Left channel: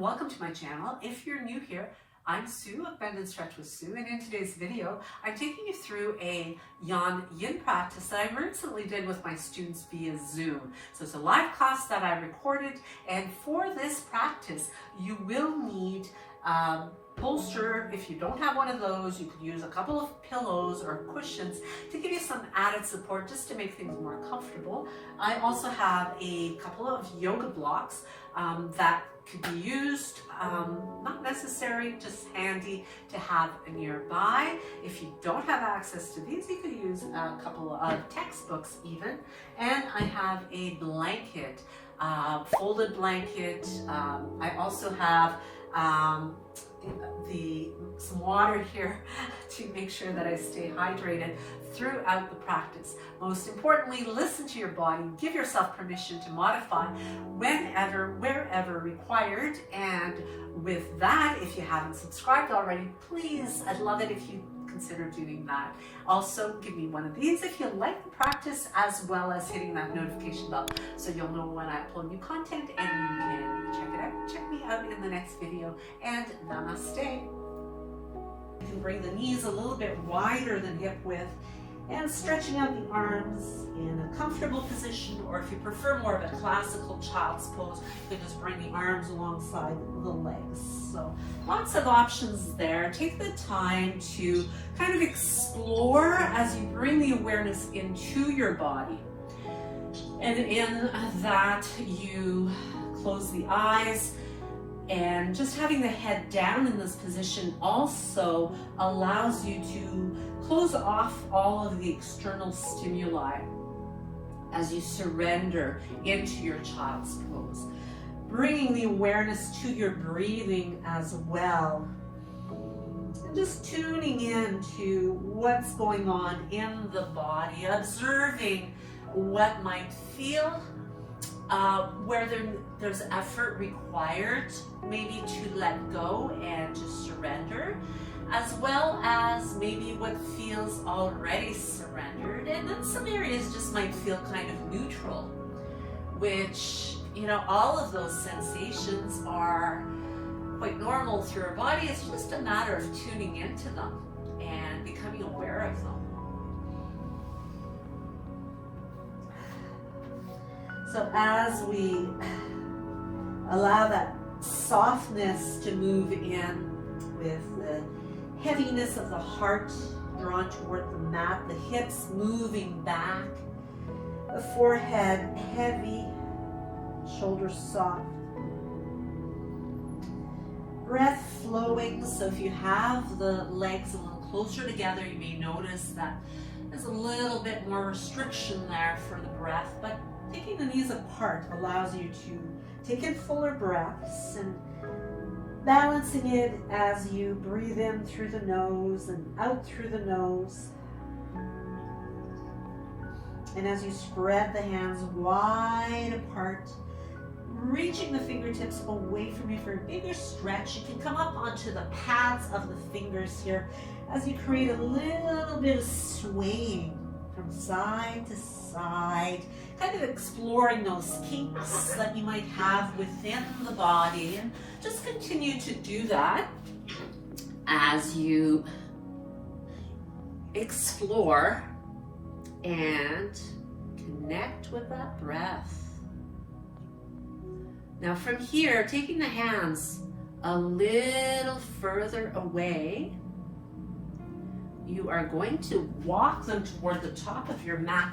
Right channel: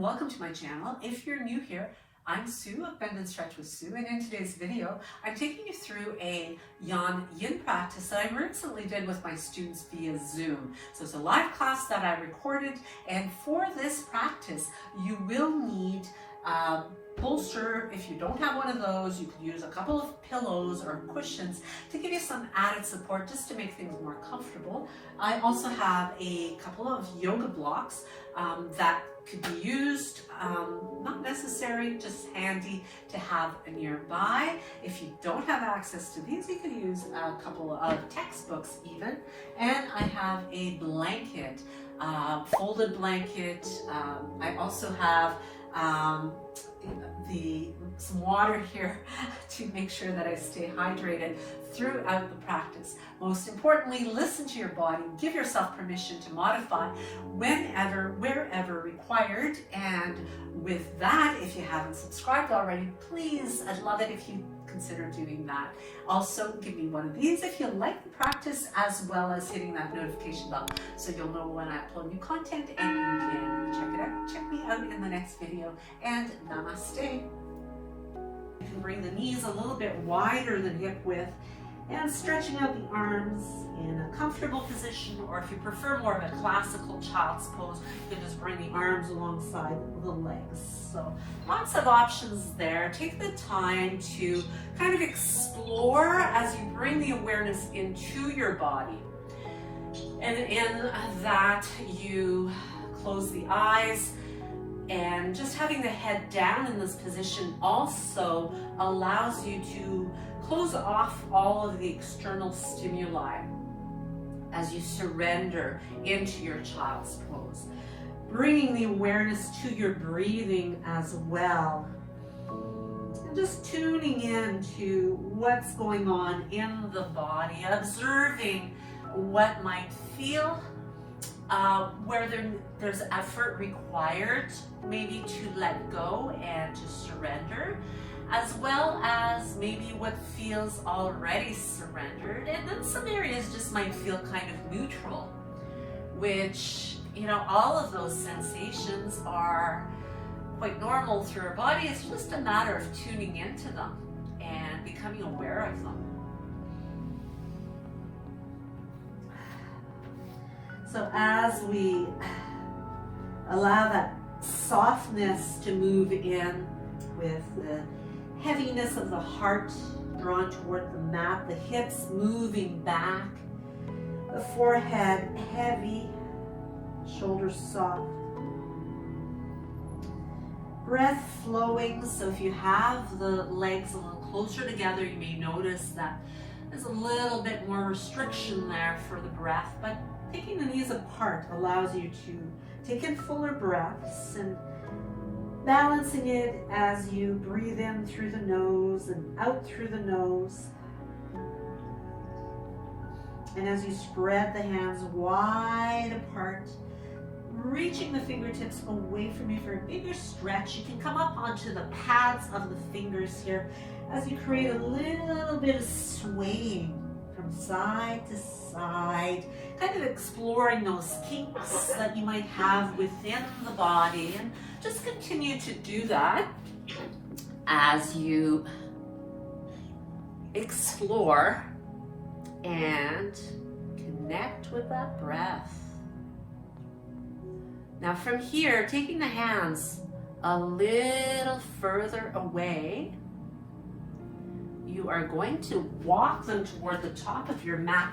welcome to my channel. If you're new here, I'm Sue of Bendnstretch with Sue, and in today's video, I'm taking you through a Yin practice that I recently did with my students via Zoom. So it's a live class that I recorded, and for this practice, you will need bolster. If you don't have one of those, you could use a couple of pillows or cushions to give you some added support just to make things more comfortable. I also have a couple of yoga blocks that could be used, not necessary, just handy to have nearby. If you don't have access to these, you could use a couple of textbooks even. And I have a blanket, folded blanket. I also have some water here to make sure that I stay hydrated throughout the practice. Most importantly, listen to your body, give yourself permission to modify whenever, wherever required. And with that, if you haven't subscribed already, please, I'd love it if you consider doing that. Also, give me one of these if you like the practice, as well as hitting that notification bell so you'll know when I upload new content and you can check it out. Check me out in the next video, and namaste. You can bring the knees a little bit wider than hip width and stretching out the arms in a comfortable position, or if you prefer more of a classical child's pose, you can just bring the arms alongside the legs. So lots of options there. Take the time to kind of explore as you bring the awareness into your body. And in that, you close the eyes, and just having the head down in this position also allows you to close off all of the external stimuli as you surrender into your child's pose. Bringing the awareness to your breathing as well. And just tuning in to what's going on in the body, observing what might feel, where there's effort required, maybe to let go and to surrender, as well as maybe what feels already surrendered. And then some areas just might feel kind of neutral, which, you know, all of those sensations are quite normal through our body. It's just a matter of tuning into them and becoming aware of them. So as we allow that softness to move in with the heaviness of the heart drawn toward the mat, the hips moving back, the forehead heavy, shoulders soft, breath flowing. So if you have the legs a little closer together, you may notice that there's a little bit more restriction there for the breath, but taking the knees apart allows you to take in fuller breaths and balancing it as you breathe in through the nose and out through the nose. And as you spread the hands wide apart, reaching the fingertips away from you for a bigger stretch. You can come up onto the pads of the fingers here as you create a little bit of swaying from side to side, kind of exploring those kinks that you might have within the body, and just continue to do that as you explore and connect with that breath. Now from here, taking the hands a little further away, you are going to walk them toward the top of your mat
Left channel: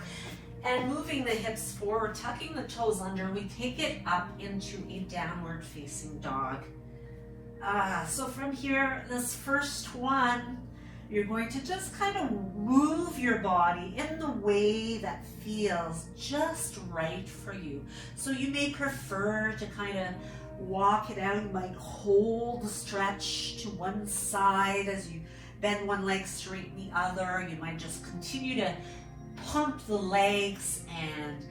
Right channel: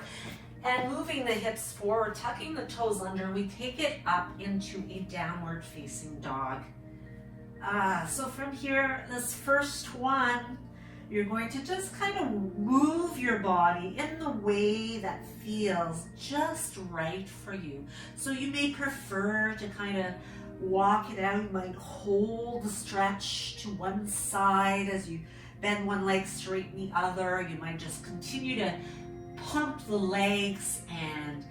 and moving the hips forward, tucking the toes under. We take it up into a downward facing dog. So from here, this first one, you're going to just kind of move your body in the way that feels just right for you. So you may prefer to kind of walk it out. You might hold the stretch to one side as you bend one leg, straighten the other. You might just continue to pump the legs and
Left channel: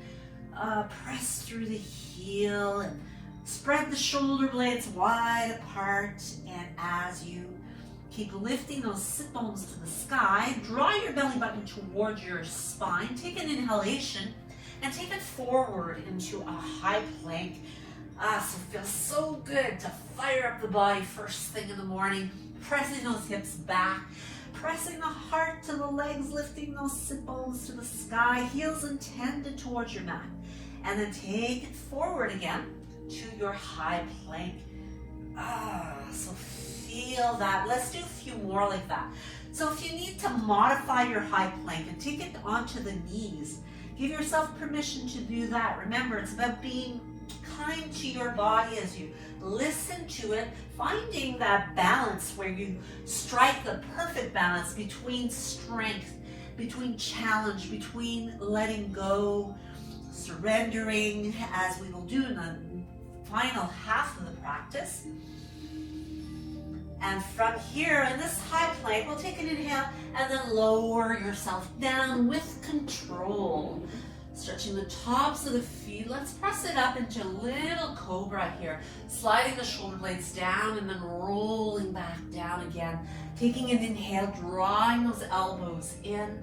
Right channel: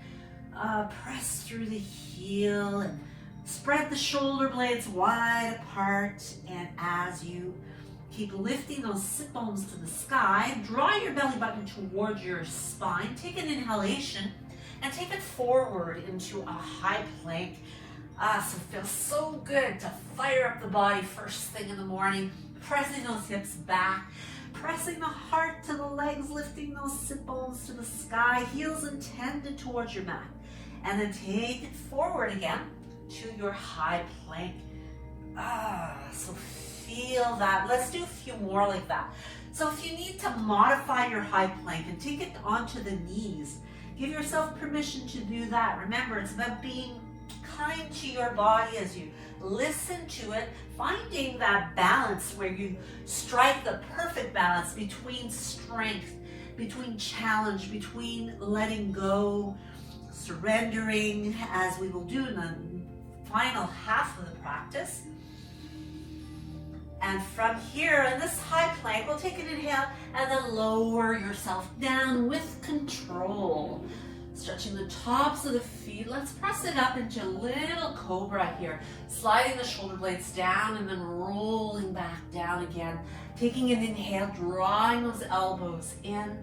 press through the heel and spread the shoulder blades wide apart. And as you keep lifting those sit bones to the sky, draw your belly button towards your spine. Take an inhalation and take it forward into a high plank. So it feels so good to fire up the body first thing in the morning, pressing those hips back, pressing the heart to the legs, lifting those sit bones to the sky, heels intended towards your mat. And then take it forward again to your high plank. So feel that. Let's do a few more like that. So if you need to modify your high plank and take it onto the knees, give yourself permission to do that. Remember, it's about being kind to your body as you listen to it, finding that balance where you strike the perfect balance between strength, between challenge, between letting go, surrendering, as we will do in the final half of the practice. And from here, in this high plank, we'll take an inhale and then lower yourself down with control. Stretching the tops of the feet. Let's press it up into a little cobra here. Sliding the shoulder blades down and then rolling back down again. Taking an inhale, drawing those elbows in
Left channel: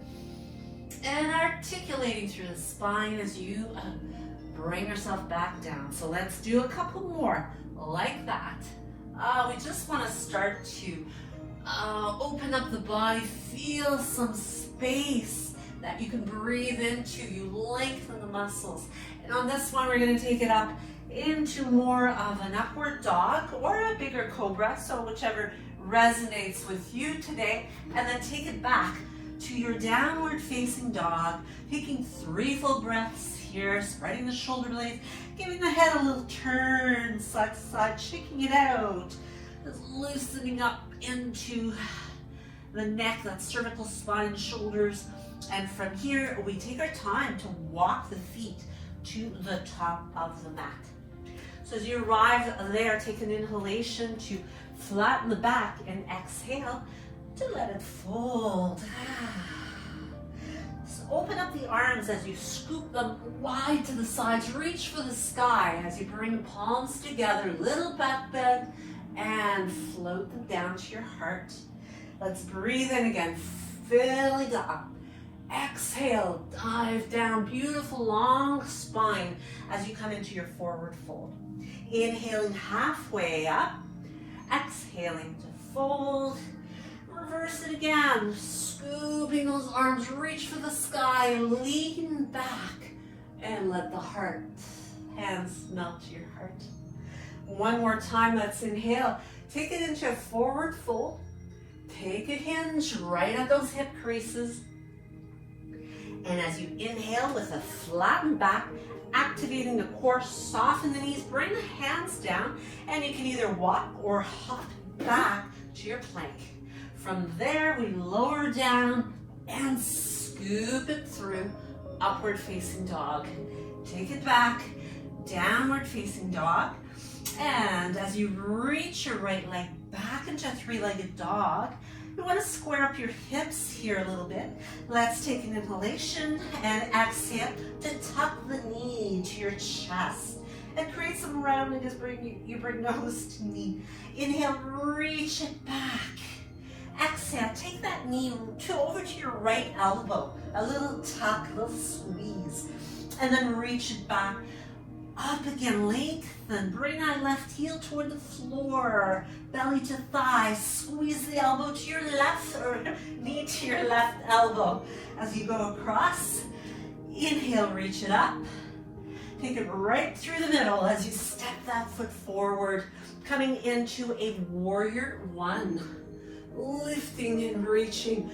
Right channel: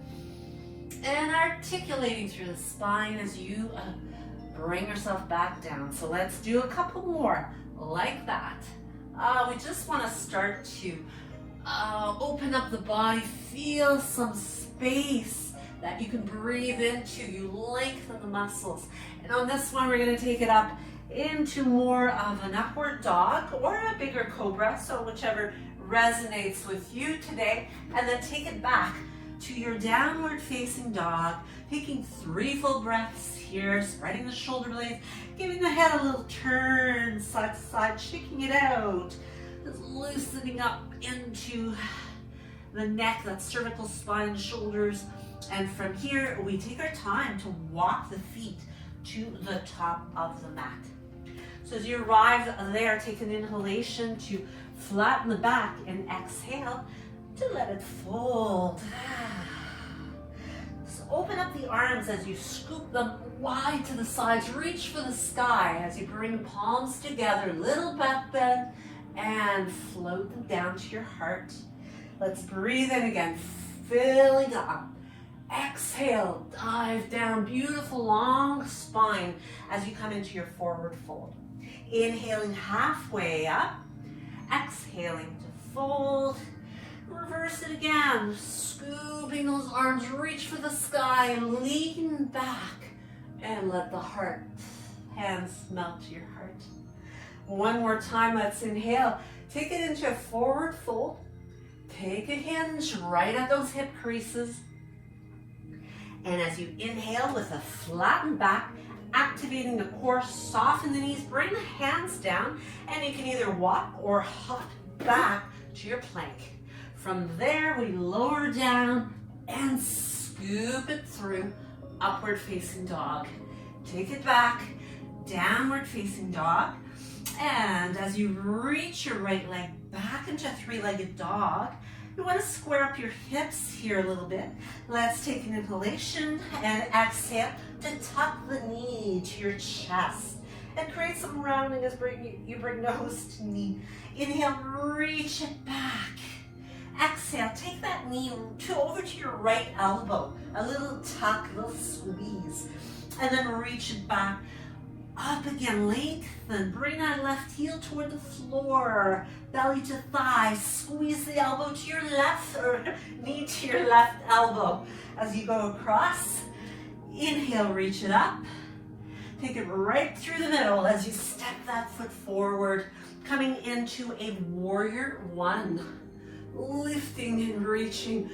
and articulating through the spine as you bring yourself back down. So let's do a couple more like that. We just want to start to open up the body, feel some space that you can breathe into. You lengthen the muscles. And on this one, we're going to take it up into more of an upward dog or a bigger cobra, so whichever resonates with you today. And then take it back to your downward facing dog, taking 3 full breaths here, spreading the shoulder blades, giving the head a little turn side to side, shaking it out, just loosening up into the neck, that cervical spine and shoulders. And from here, we take our time to walk the feet to the top of the mat. So as you arrive there, take an inhalation to flatten the back and exhale to let it fold. So open up the arms as you scoop them wide to the sides. Reach for the sky as you bring palms together, little back bend, and float them down to your heart. Let's breathe in again, filling up. Exhale, dive down, beautiful long spine as you come into your forward fold. Inhaling halfway up, exhaling to fold. Reverse it again, scooping those arms, reach for the sky, lean back, and let the heart, hands melt to your heart. One more time, let's inhale. Take it into a forward fold. Take a hinge right at those hip creases. And as you inhale with a flattened back, activating the core, soften the knees, bring the hands down, and you can either walk or hop back to your plank. From there, we lower down and scoop it through upward facing dog. Take it back, downward facing dog. And as you reach your right leg back into a 3-legged dog, you want to square up your hips here a little bit. Let's take an inhalation and exhale to tuck the knee to your chest and create some rounding as you bring nose to knee. Inhale, reach it back. Exhale, take that knee over to your right elbow. A little tuck, a little squeeze. And then reach it back. Up again, lengthen. Bring that left heel toward the floor. Belly to thigh. Squeeze the elbow to your left or knee to your left elbow. As you go across, inhale, reach it up. Take it right through the middle as you step that foot forward. Coming into a warrior 1. Lifting and reaching.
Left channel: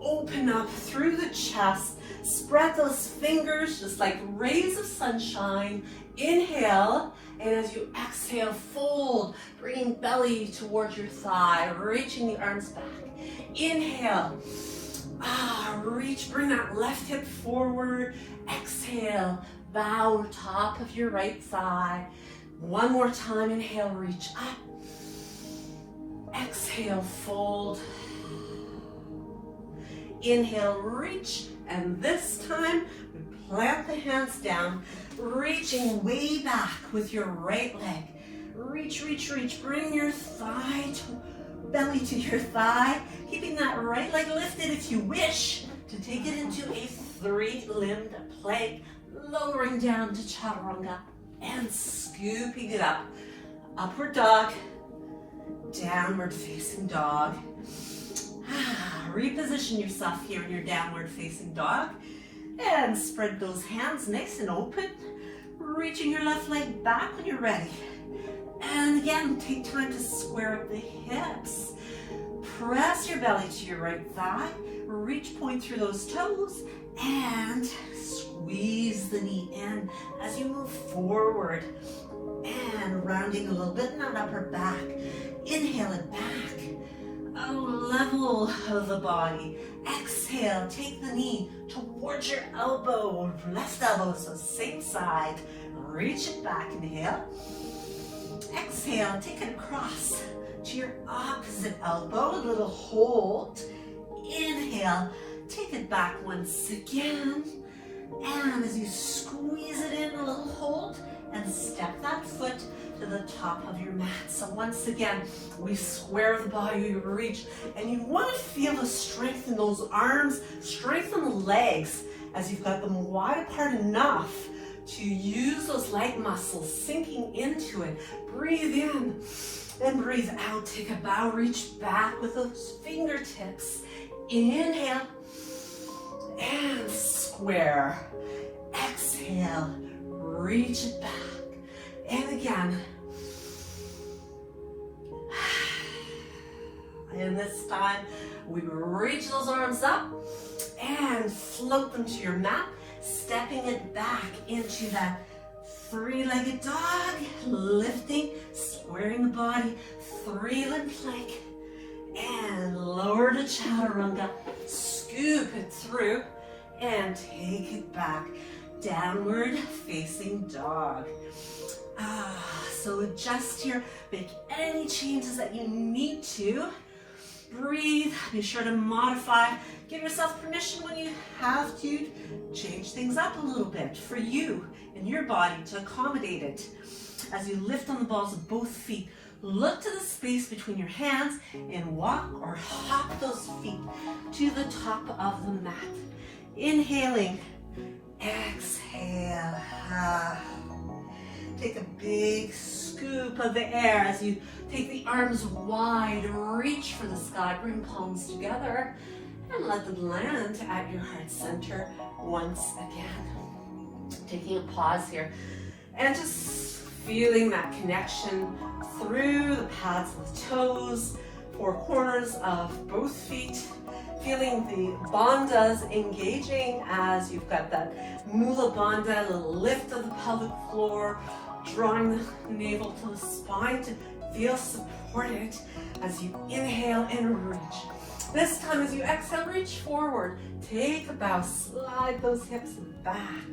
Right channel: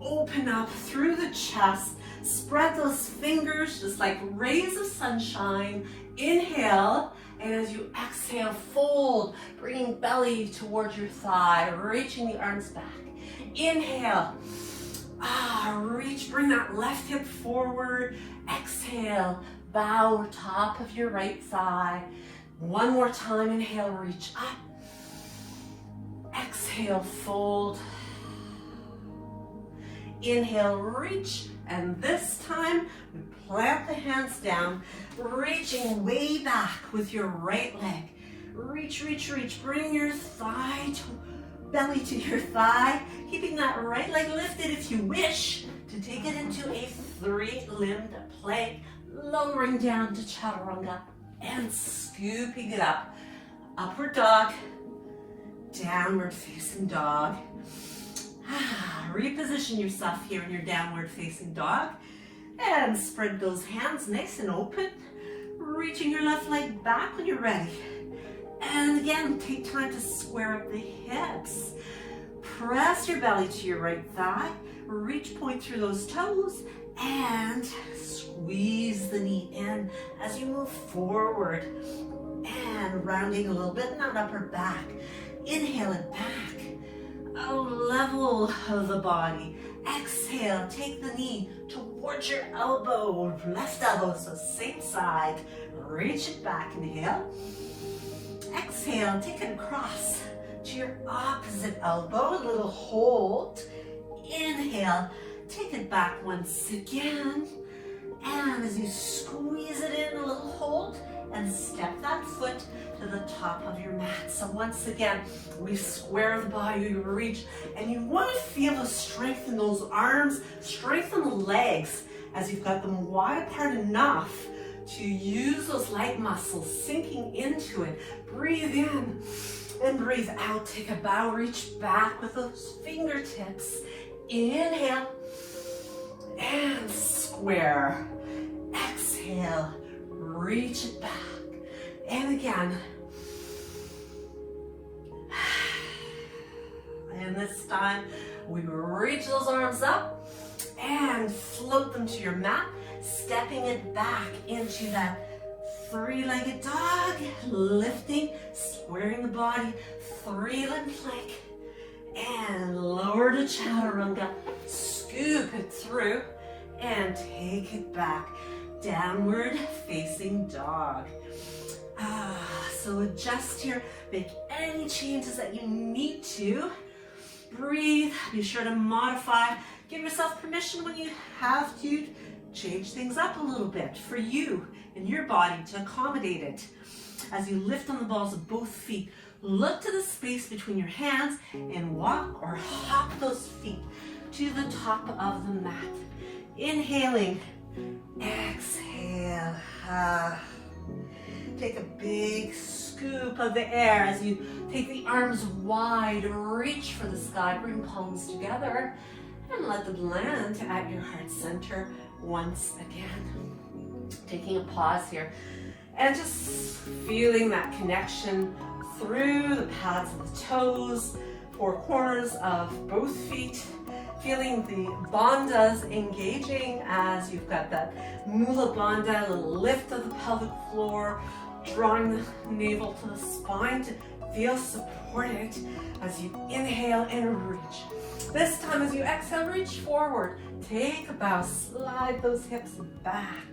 Open up through the chest. Spread those fingers just like rays of sunshine. Inhale, and as you exhale, fold, bringing belly towards your thigh, reaching the arms back. Inhale, reach, bring that left hip forward. Exhale, bow top of your right thigh. One more time, inhale, reach up. Exhale, fold. Inhale, reach. And this time, we plant the hands down, reaching way back with your right leg. Reach, reach, reach. Bring your belly to your thigh, keeping that right leg lifted if you wish to take it into a 3-limbed plank, lowering down to chaturanga. and scooping it up. Upward dog, downward facing dog. Reposition yourself here in your downward facing dog and spread those hands nice and open, reaching your left leg back when you're ready. And again, take time to square up the hips. Press your belly to your right thigh, reach point through those toes, and squeeze the knee in as you move forward. And rounding a little bit in that upper back. Inhale it back. A level of the body. Exhale, take the knee towards your elbow. Left elbow, so same side. Reach it back, inhale. Exhale, and take it across to your opposite elbow. A little hold. Inhale, take it back once again. And as you squeeze it in, a little hold. And step that foot to the top of your mat. So once again, we square the body, we reach, and you want to feel the strength in those arms, strengthen the legs as you've got them wide apart enough to use those leg muscles sinking into it. Breathe in and breathe out. Take a bow, reach back with those fingertips. Inhale and square. Exhale. Reach it back. And again. And this time, we reach those arms up and float them to your mat, stepping it back into that three-legged dog, lifting, squaring the body, three-limb plank, and lower to chaturanga, scoop it through, and take it back. Downward facing dog. So adjust here, make any changes that you need to. Breathe, be sure to modify. Give yourself permission when you have to change things up a little bit for you and your body to accommodate it. As you lift on the balls of both feet, look to the space between your hands and walk or hop those feet to the top of the mat. Inhaling. Exhale. Take a big scoop of the air as you take the arms wide, reach for the sky, bring palms together, and let them land at your heart center once again. Taking a pause here and just feeling that connection through the pads of the toes, four corners of both feet. Feeling the bandhas engaging as you've got that Mula Bandha, a little lift of the pelvic floor, drawing the navel to the spine to feel supported as you inhale and reach. This time as you exhale, reach forward. Take a bow, slide those hips back.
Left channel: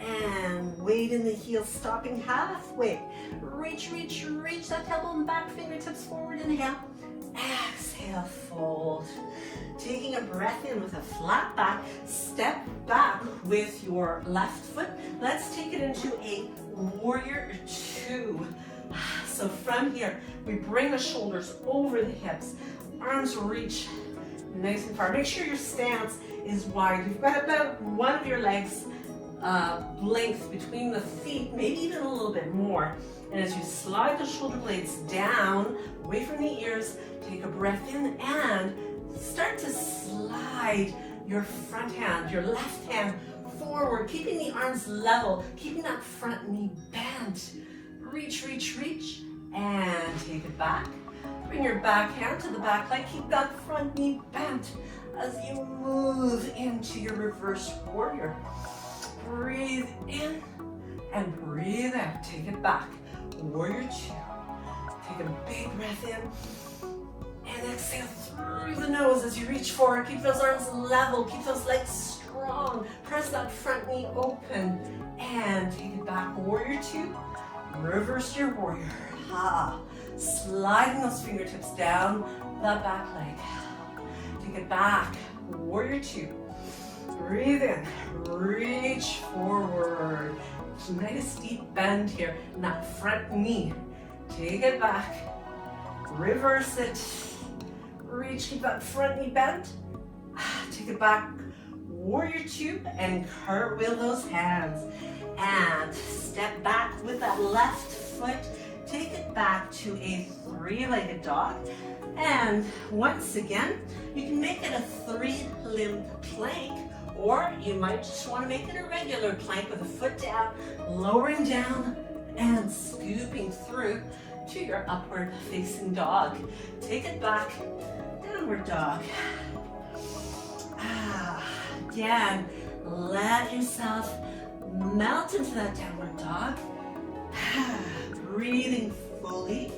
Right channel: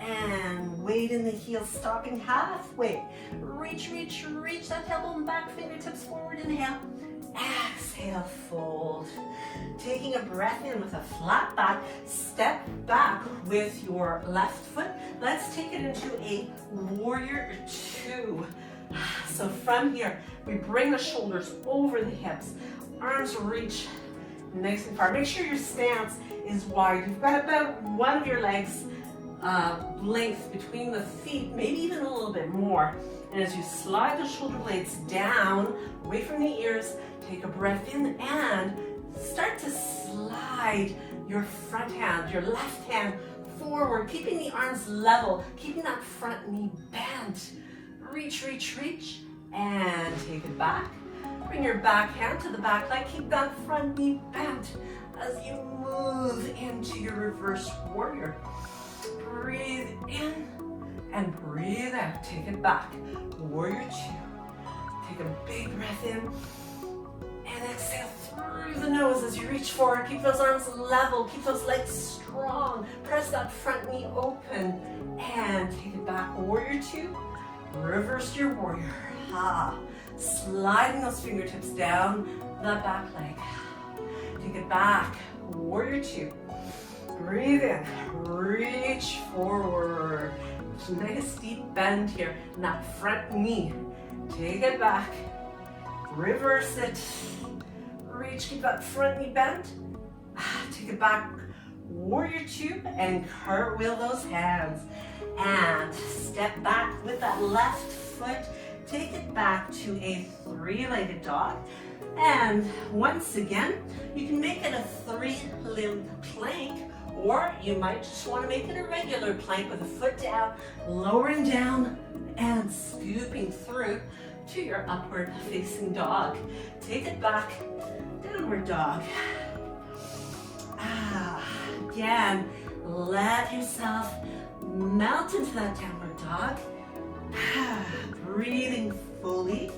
And weight in the heels, stopping halfway. Reach, reach, reach that tailbone back, fingertips forward, inhale. Exhale, fold. Taking a breath in with a flat back, step back with your left foot. Let's take it into a warrior two. So from here, we bring the shoulders over the hips, arms reach nice and far. Make sure your stance is wide. You've got about one of your legs length between the feet, maybe even a little bit more. And as you slide the shoulder blades down, away from the ears, take a breath in and start to slide your front hand, your left hand forward, keeping the arms level, keeping that front knee bent. Reach, reach, reach, and take it back. Bring your back hand to the back leg, keep that front knee bent as you move into your reverse warrior. Breathe in and breathe out. Take it back. Warrior two. Take a big breath in and exhale through the nose as you reach forward. Keep those arms level. Keep those legs strong. Press that front knee open and take it back. Warrior two. Reverse your warrior. Sliding those fingertips down that back leg. Take it back. Warrior two. Breathe in. Reach forward. Nice deep bend here in that front knee. Take it back. Reverse it. Reach, keep that front knee bent. Take it back. Warrior two and cartwheel those hands. And step back with that left foot. Take it back to a three-legged dog. And once again, you can make it a three-limbed plank, or you might just want to make it a regular plank with a foot down, lowering down and scooping through to your upward facing dog. Take it back, downward dog. Again, let yourself melt into that downward dog. Breathing fully.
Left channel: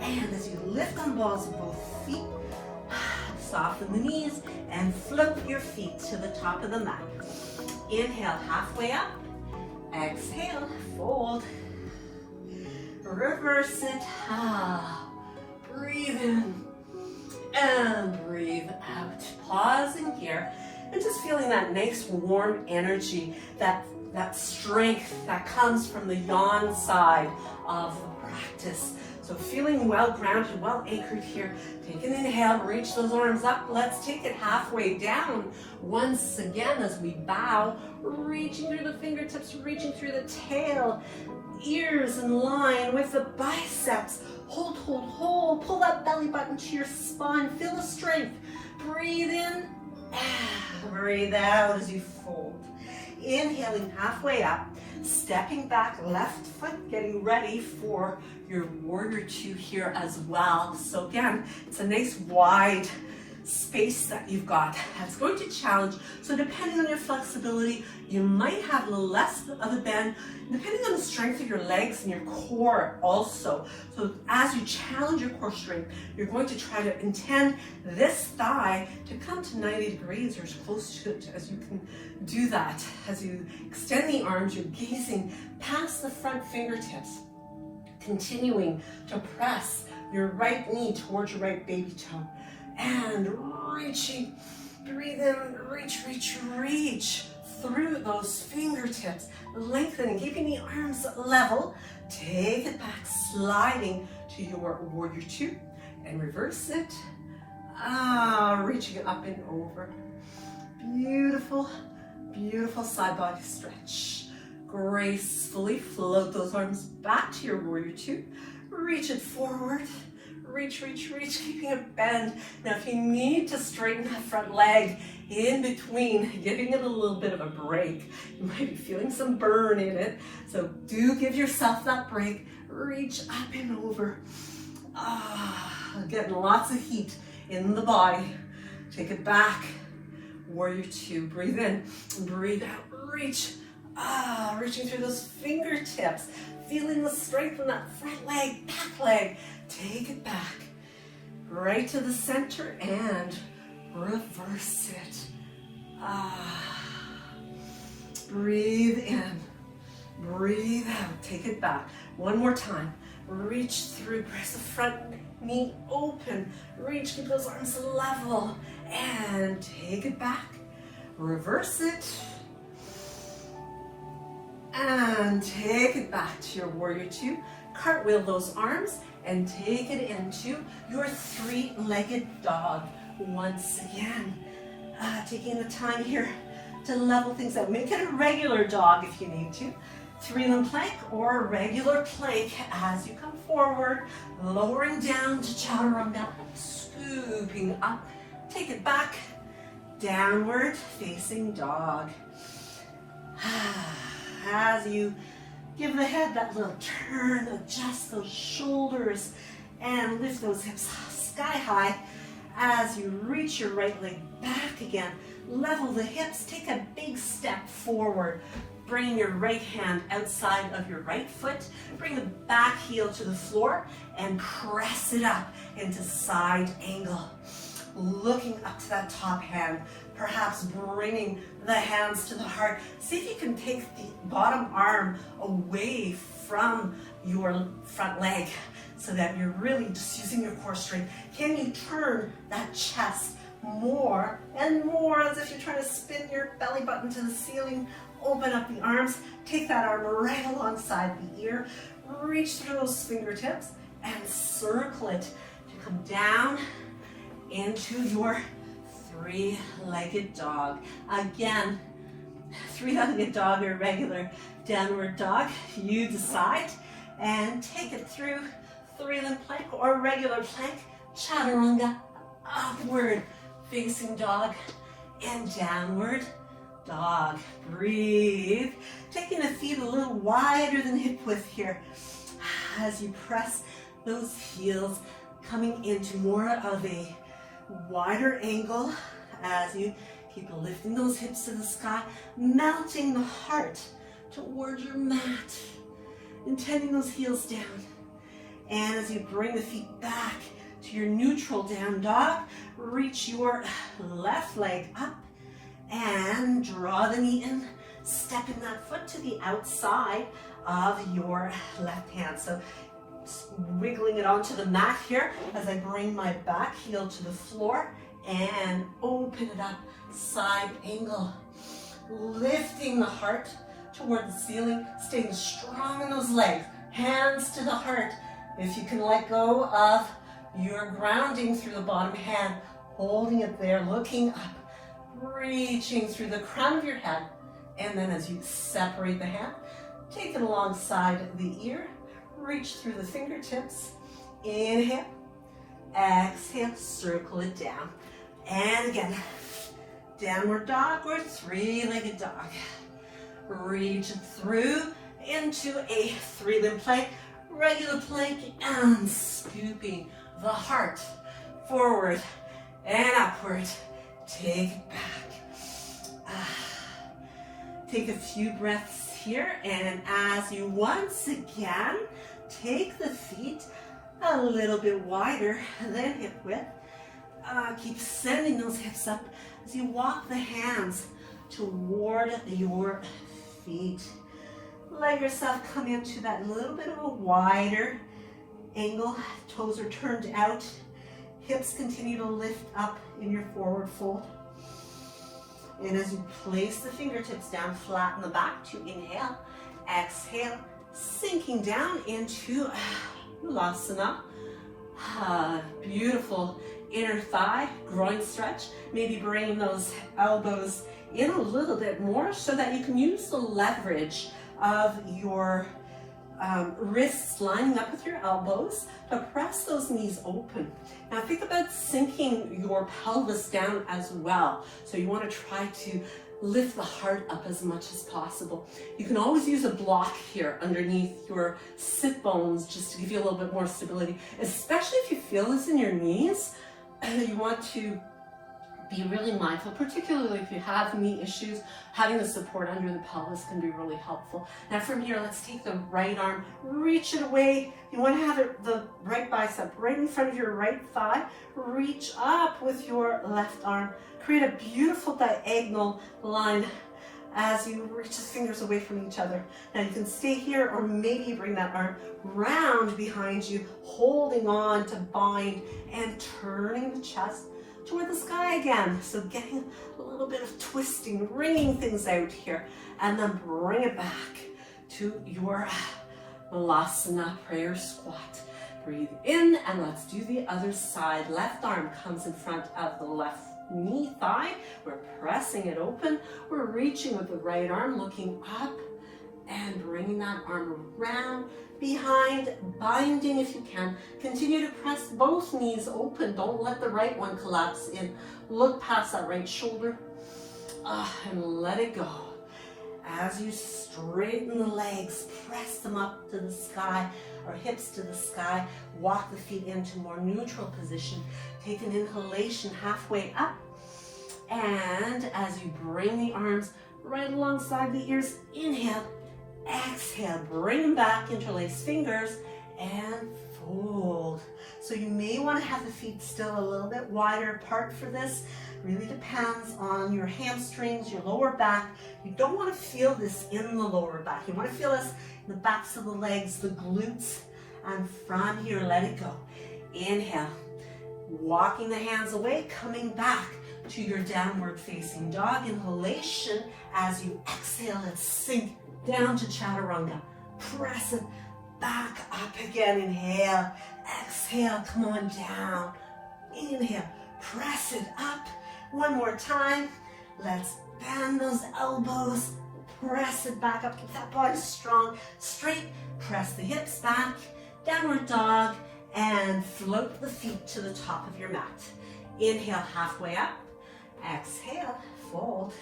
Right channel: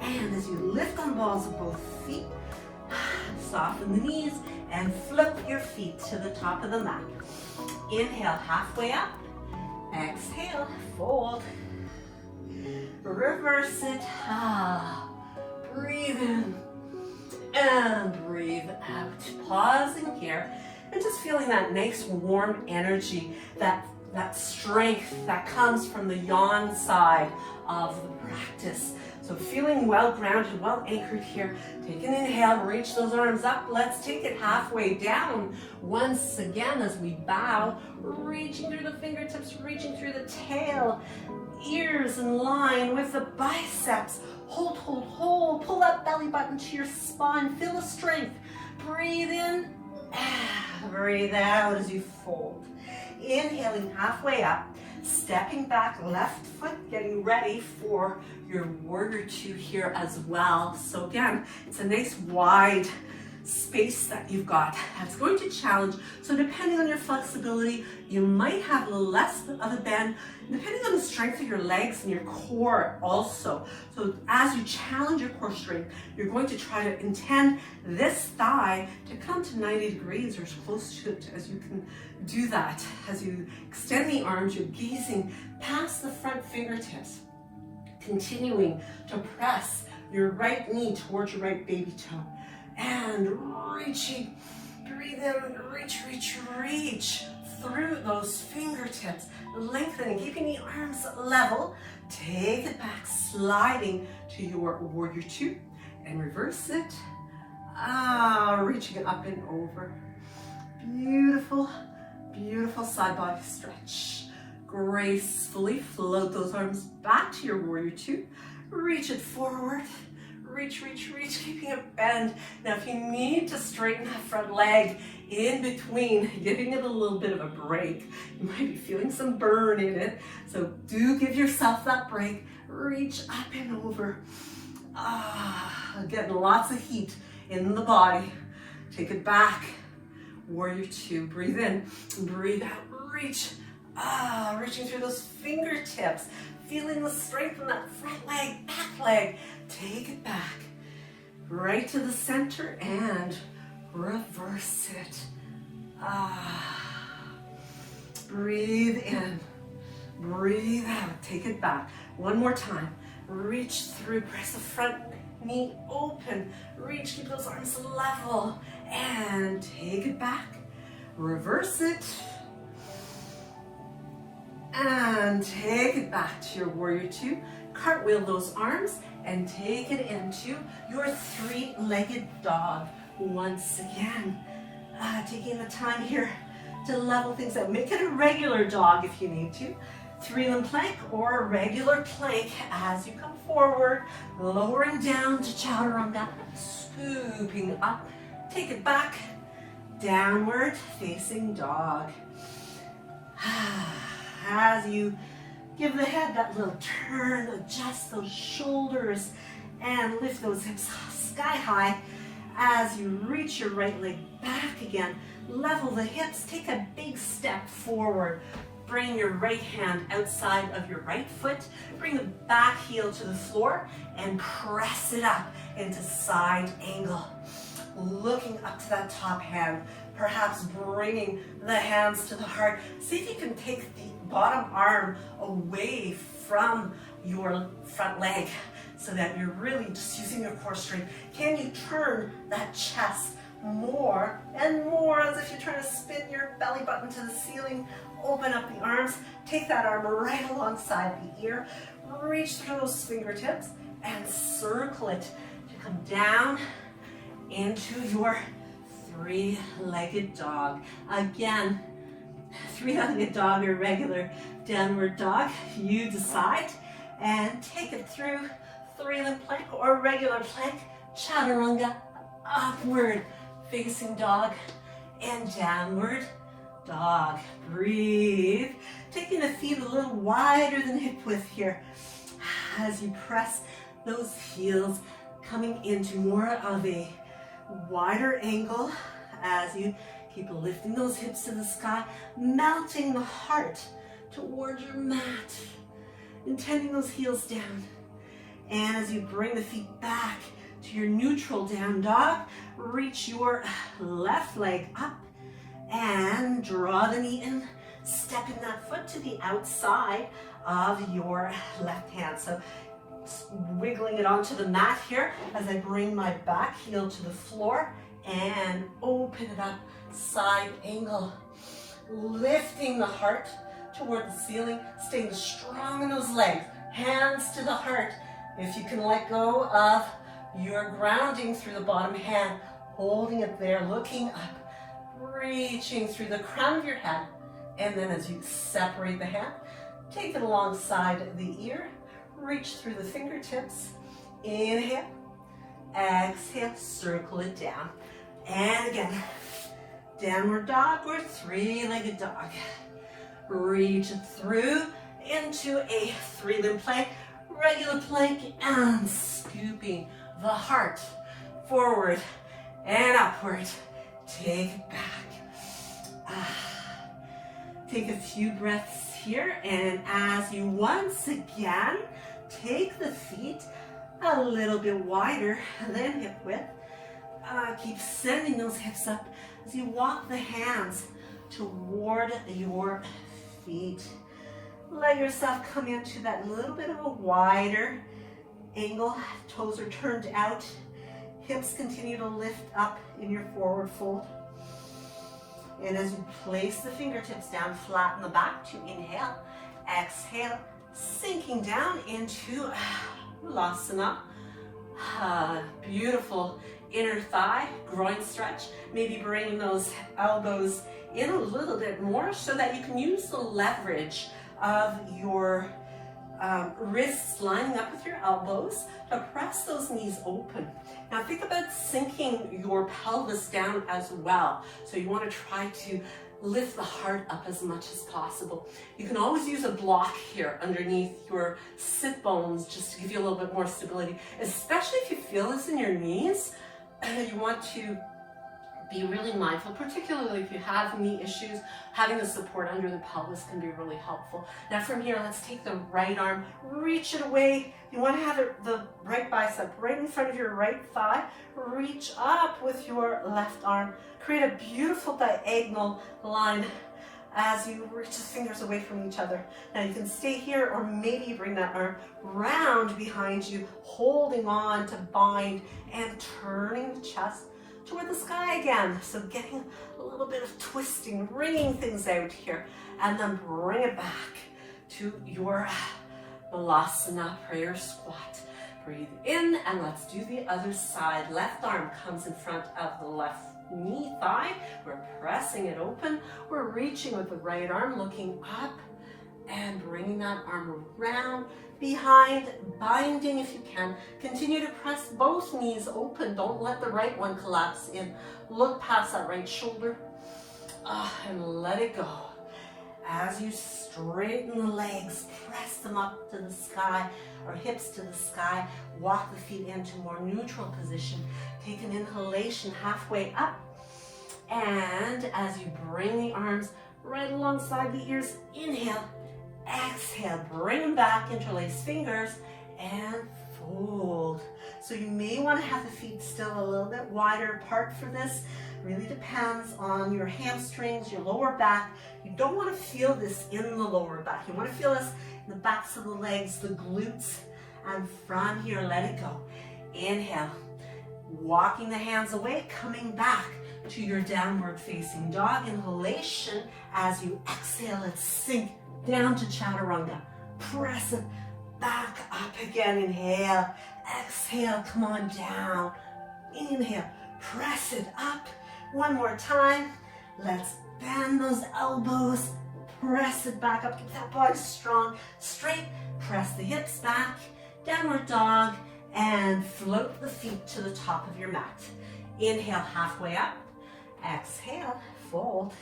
And as you lift on balls of both feet, soften the knees and flip your feet to the top of the mat. Inhale, halfway up. Exhale, fold. Reverse it. Breathe in and breathe out. Pausing here and just feeling that nice warm energy, that strength that comes from the yang side of the practice. So feeling well grounded, well anchored here. Take an inhale, reach those arms up. Let's take it halfway down. Once again, as we bow, reaching through the fingertips, reaching through the tail, ears in line with the biceps. Hold, hold, hold. Pull that belly button to your spine. Feel the strength. Breathe in, breathe out as you fold. Inhaling halfway up, stepping back, left foot, getting ready for your warrior two here as well. So again, it's a nice wide space that you've got. That's going to challenge. So depending on your flexibility, you might have a little less of a bend, depending on the strength of your legs and your core also. So as you challenge your core strength, you're going to try to intend this thigh to come to 90 degrees or as close to it as you can do that. As you extend the arms, you're gazing past the front fingertips, continuing to press your right knee towards your right baby toe. And reaching, breathe in, reach, reach, reach through those fingertips, lengthening, keeping the arms level. Take it back, sliding to your warrior two, and reverse it. Reaching it up and over. Beautiful, beautiful side body stretch. Gracefully float those arms back to your warrior two. Reach it forward. Reach, reach, reach, keeping it bend. Now, if you need to straighten that front leg in between, giving it a little bit of a break, you might be feeling some burn in it. So do give yourself that break. Reach up and over. Getting lots of heat in the body. Take it back. Warrior two. Breathe in, breathe out. Reach. Reaching through those fingertips. Feeling the strength in that front leg, back leg. Take it back, right to the center and reverse it. Breathe in, breathe out, take it back. One more time, reach through, press the front knee open, reach, keep those arms level, and take it back. Reverse it, and take it back to your warrior two. Cartwheel those arms, and take it into your three-legged dog. Once again, taking the time here to level things out. Make it a regular dog if you need to. Three-limb plank or regular plank as you come forward, lowering down to chaturanga, scooping up. Take it back, downward facing dog. As you give the head that little turn, adjust those shoulders, and lift those hips sky high. As you reach your right leg back again, level the hips, take a big step forward. Bring your right hand outside of your right foot, bring the back heel to the floor, and press it up into side angle. Looking up to that top hand, perhaps bringing the hands to the heart. See if you can take the bottom arm away from your front leg so that you're really just using your core strength. Can you turn that chest more and more as if you're trying to spin your belly button to the ceiling? Open up the arms, take that arm right alongside the ear, reach through those fingertips and circle it to come down into your three-legged dog. Again, Three-legged dog or regular downward dog, you decide. And take it through three-limb plank or regular plank, chaturanga, upward facing dog, and downward dog. Breathe. Taking the feet a little wider than hip width here as you press those heels, coming into more of a wider angle as you keep lifting those hips to the sky, melting the heart towards your mat, intending those heels down. And as you bring the feet back to your neutral down dog, reach your left leg up and draw the knee in, stepping that foot to the outside of your left hand. So wiggling it onto the mat here as I bring my back heel to the floor and open it up, side angle, lifting the heart toward the ceiling, staying strong in those legs, hands to the heart. If you can let go of your grounding through the bottom hand, holding it there, looking up, reaching through the crown of your head, and then as you separate the hand, take it alongside the ear, reach through the fingertips, inhale, exhale, circle it down, and again, downward dog or three-legged dog. Reach through into a three-limb plank, regular plank, and scooping the heart forward and upward. Take it back. Take a few breaths here, and as you once again take the feet a little bit wider than hip width, keep sending those hips up as you walk the hands toward your feet. Let yourself come into that little bit of a wider angle. Toes are turned out. Hips continue to lift up in your forward fold. And as you place the fingertips down, flatten the back to inhale, exhale, sinking down into Ulasana. Beautiful inner thigh, groin stretch. Maybe bringing those elbows in a little bit more so that you can use the leverage of your wrists lining up with your elbows to press those knees open. Now think about sinking your pelvis down as well. So you want to try to lift the heart up as much as possible. You can always use a block here underneath your sit bones just to give you a little bit more stability, especially if you feel this in your knees. You want to be really mindful, particularly if you have knee issues. Having the support under the pelvis can be really helpful. Now from here, let's take the right arm, reach it away. You want to have the right bicep right in front of your right thigh. Reach up with your left arm. Create a beautiful diagonal line as you reach the fingers away from each other. Now you can stay here, or maybe bring that arm round behind you, holding on to bind and turning the chest toward the sky again. So getting a little bit of twisting, wringing things out here, and then bring it back to your Balasana prayer squat. Breathe in, and let's do the other side. Left arm comes in front of the left knee thigh. We're pressing it open. We're reaching with the right arm, looking up and bringing that arm around behind, binding if you can. Continue to press both knees open. Don't let the right one collapse in. Look past that right shoulder and let it go. As you straighten the legs, press them up to the sky, or hips to the sky. Walk the feet into more neutral position. Take an inhalation halfway up. And as you bring the arms right alongside the ears, inhale, exhale, bring them back, interlace fingers, and fold. So you may want to have the feet still a little bit wider apart for this. Really depends on your hamstrings, your lower back. You don't want to feel this in the lower back. You want to feel this in the backs of the legs, the glutes, and from here, let it go. Inhale, walking the hands away, coming back to your downward facing dog. Inhalation. As you exhale, let's sink down to chaturanga. Press it back up again. Inhale, exhale, come on down. Inhale, press it up. One more time. Let's bend those elbows, press it back up, keep that body strong, straight, press the hips back, downward dog, and float the feet to the top of your mat. Inhale, halfway up, exhale, fold,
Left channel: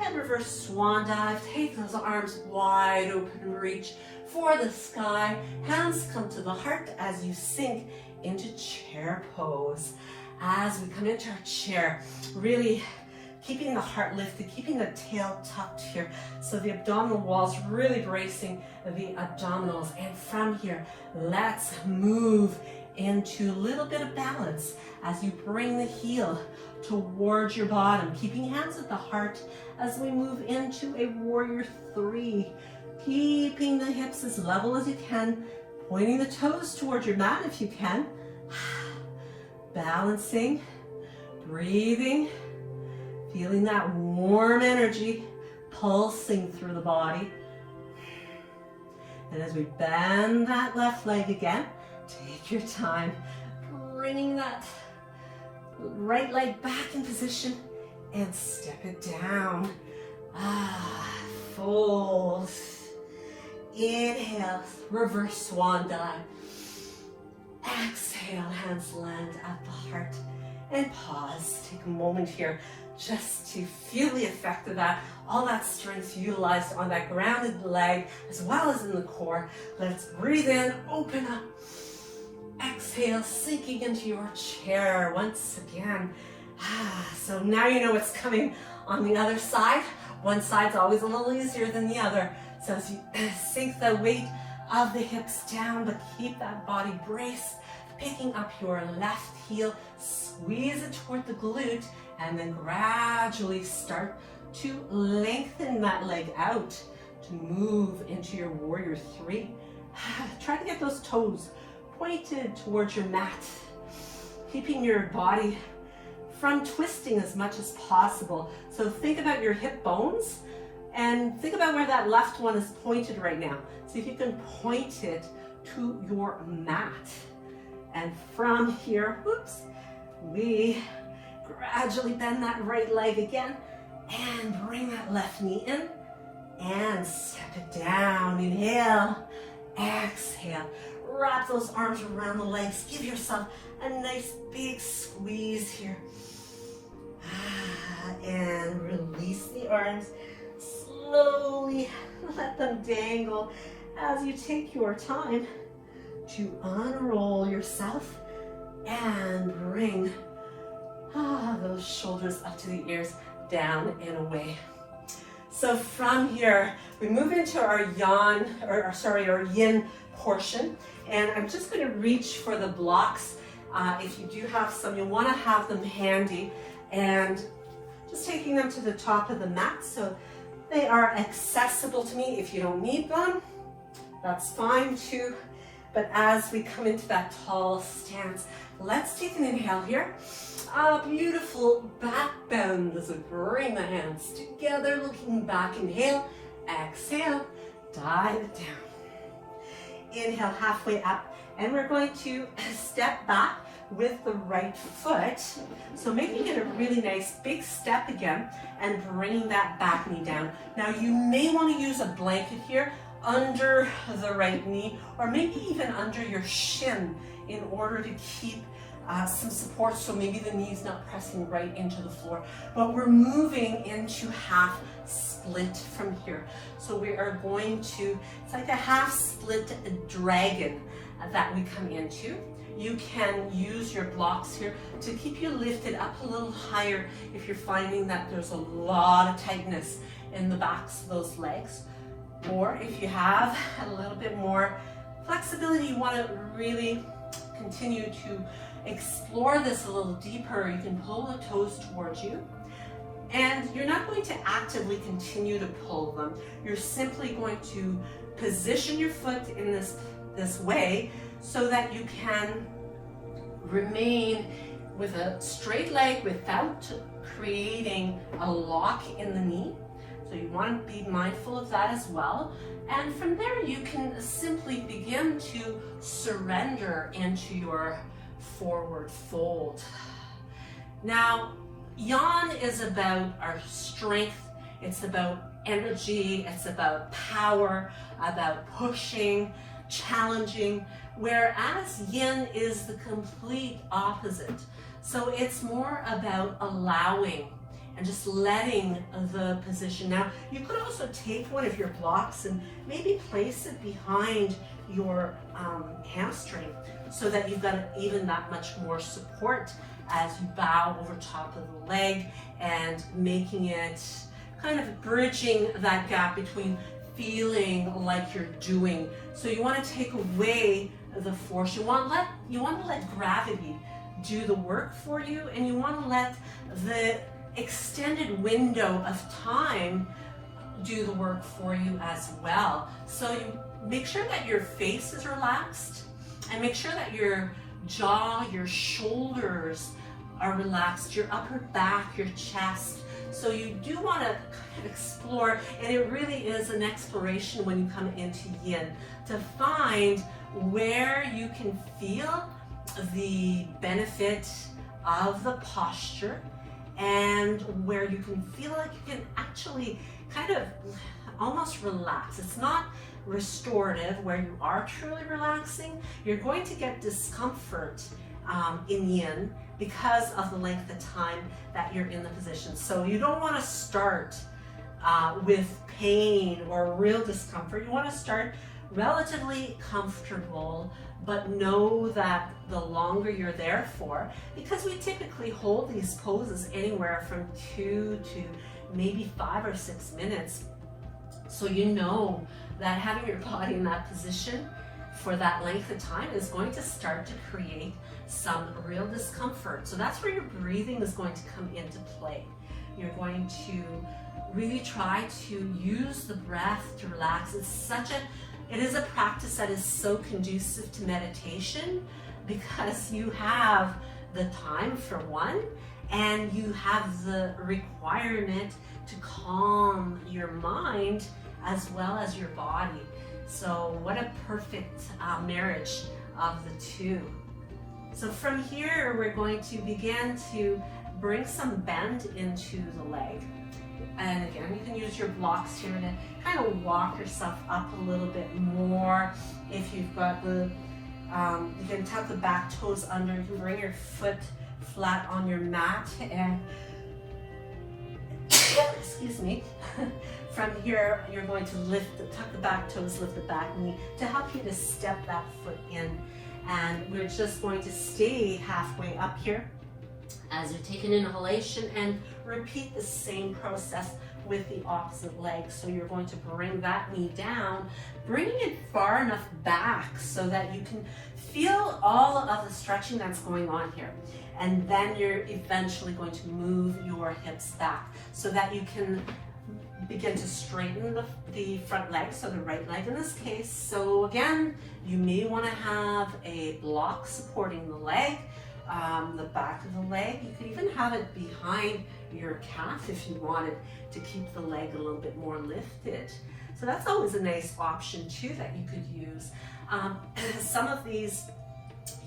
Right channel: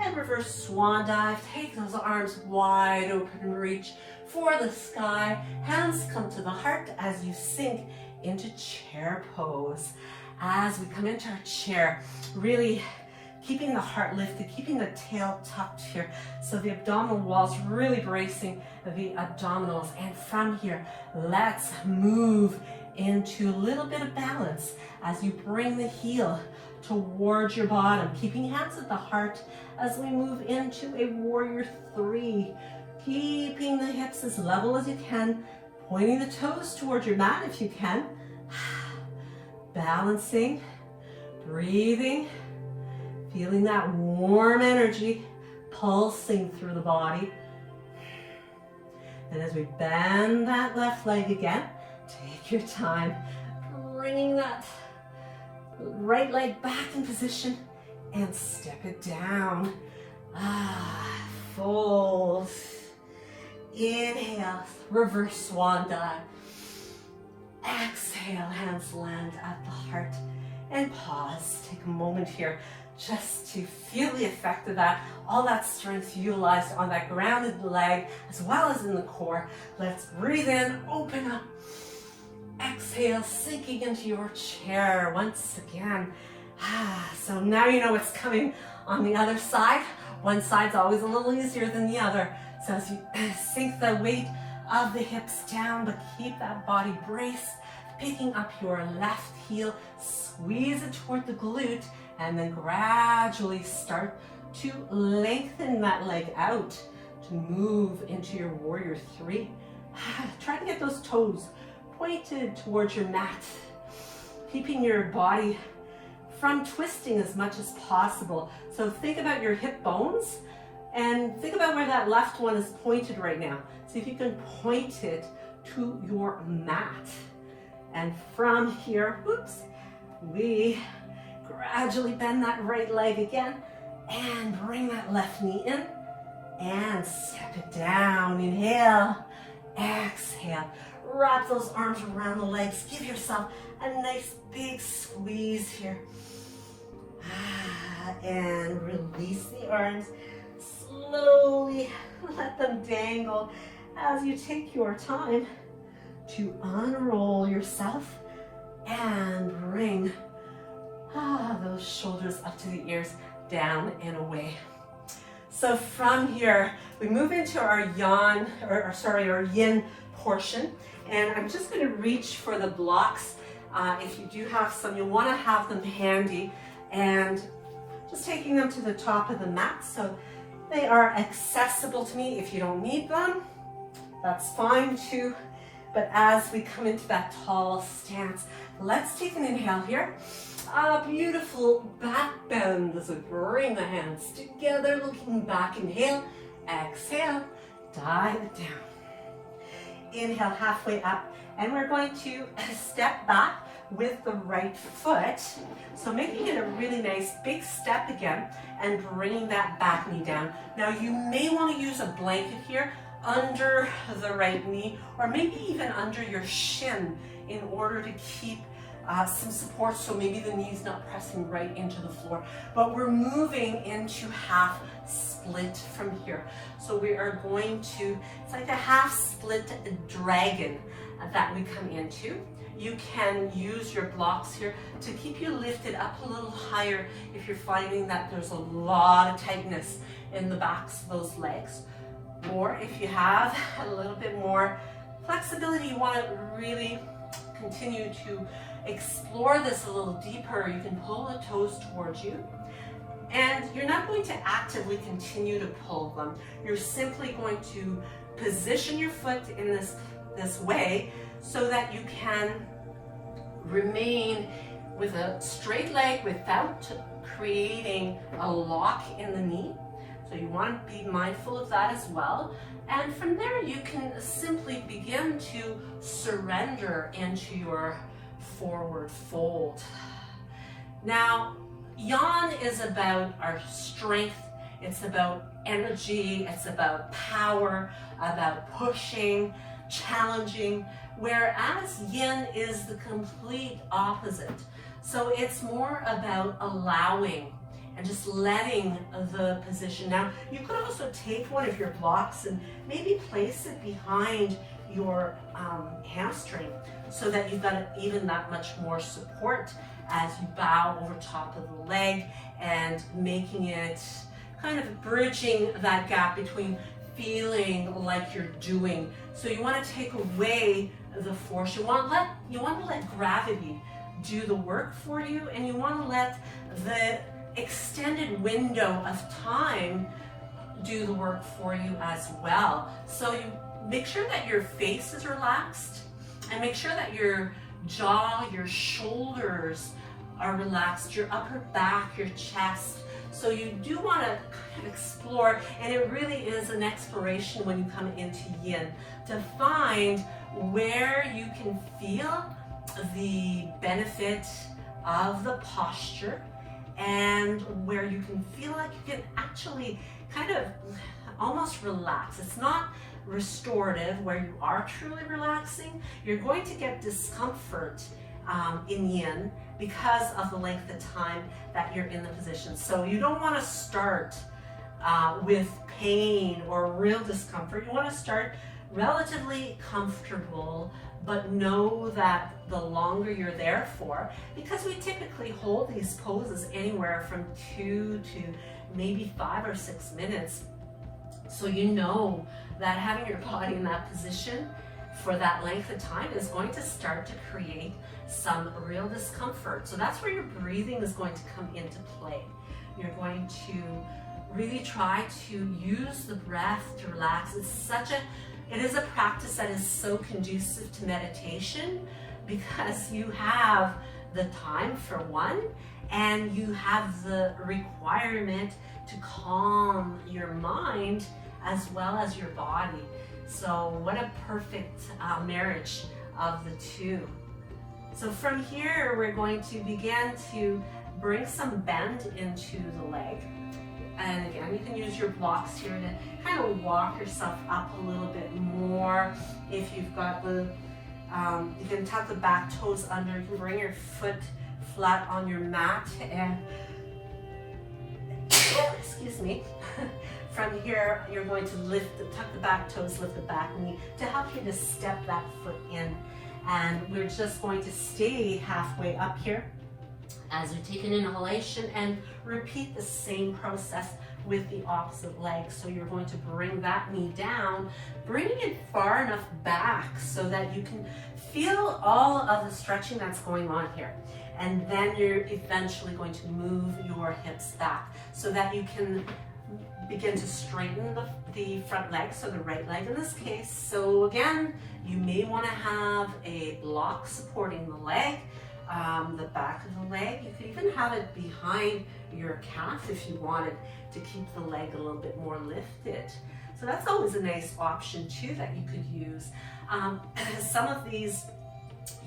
and reverse swan dive. Take those arms wide open and reach for the sky. Hands come to the heart as you sink into chair pose. As we come into our chair, really keeping the heart lifted, keeping the tail tucked here, so the abdominal walls really bracing the abdominals. And from here, let's move into a little bit of balance as you bring the heel towards your bottom, keeping hands at the heart as we move into a warrior three, keeping the hips as level as you can, pointing the toes towards your mat if you can, balancing, breathing, feeling that warm energy pulsing through the body. And as we bend that left leg again, take your time, bringing that right leg back in position and step it down. Fold. Inhale, reverse swan dive. Exhale, hands land at the heart. And pause. Take a moment here just to feel the effect of that, all that strength utilized on that grounded leg as well as in the core. Let's breathe in, open up. Exhale, sinking into your chair once again. So now you know what's coming on the other side. One side's always a little easier than the other. So as you sink the weight of the hips down, but keep that body braced, picking up your left heel, squeeze it toward the glute, and then gradually start to lengthen that leg out to move into your warrior three. Try to get those toes pointed towards your mat, keeping your body from twisting as much as possible. So think about your hip bones and think about where that left one is pointed right now. See if you can point it to your mat. And from here, we gradually bend that right leg again and bring that left knee in and step it down. Inhale, exhale. Wrap those arms around the legs. Give yourself a nice big squeeze here. And release the arms. Slowly let them dangle as you take your time to unroll yourself and bring those shoulders up to the ears, down and away. So from here, we move into our yin portion. And I'm just going to reach for the blocks. If you do have some, you want to have them handy. And just taking them to the top of the mat so they are accessible to me. If you don't need them, that's fine too. But as we come into that tall stance, let's take an inhale here. A beautiful back bend as we bring the hands together, looking back. Inhale, exhale, dive it down. Inhale, halfway up, and we're going to step back with the right foot. So making it a really nice big step again and bringing that back knee down. Now you may want to use a blanket here under the right knee or maybe even under your shin in order to keep some support, so maybe the knee's not pressing right into the floor. But we're moving into half split from here. So we are going to, it's like a half split dragon that we come into. You can use your blocks here to keep you lifted up a little higher if you're finding that there's a lot of tightness in the backs of those legs. Or if you have a little bit more flexibility, you want to really continue to explore this a little deeper, you can pull the toes towards you. And you're not going to actively continue to pull them. You're simply going to position your foot in this way so that you can remain with a straight leg without creating a lock in the knee. So you want to be mindful of that as well. And from there, you can simply begin to surrender into your forward fold. Now, Yang is about our strength, it's about energy, it's about power, about pushing, challenging, whereas Yin is the complete opposite. So it's more about allowing and just letting the position. Now, you could also take one of your blocks and maybe place it behind your hamstring so that you've got even that much more support as you bow over top of the leg and making it kind of bridging that gap between feeling like you're doing. So you want to take away the force. You want to let gravity do the work for you, and you want to let the extended window of time do the work for you as well. So you make sure that your face is relaxed, and make sure that your jaw, your shoulders are relaxed, your upper back, your chest. So you do want to kind of explore, and it really is an exploration when you come into Yin to find where you can feel the benefit of the posture and where you can feel like you can actually kind of almost relax. It's not restorative where you are truly relaxing. You're going to get discomfort in Yin because of the length of time that you're in the position. So you don't want to start with pain or real discomfort. You want to start relatively comfortable, but know that the longer you're there for, because we typically hold these poses anywhere from 2 to maybe 5 or 6 minutes. So you know that having your body in that position for that length of time is going to start to create some real discomfort. So that's where your breathing is going to come into play. You're going to really try to use the breath to relax. It is a practice that is so conducive to meditation because you have the time for one, and you have the requirement to calm your mind as well as your body. So what a perfect marriage of the two. So from here, we're going to begin to bring some bend into the leg. And again, you can use your blocks here to kind of walk yourself up a little bit more. If you've got the, you can tuck the back toes under, you can bring your foot flat on your mat, and excuse me. From here, you're going to tuck the back toes, lift the back knee to help you to step that foot in. And we're just going to stay halfway up here as you take an inhalation and repeat the same process with the opposite leg. So you're going to bring that knee down, bringing it far enough back so that you can feel all of the stretching that's going on here. And then you're eventually going to move your hips back so that you can begin to straighten the front leg, so the right leg in this case. So again, you may want to have a block supporting the leg, the back of the leg. You could even have it behind your calf if you wanted to keep the leg a little bit more lifted. So that's always a nice option too that you could use. Some of these,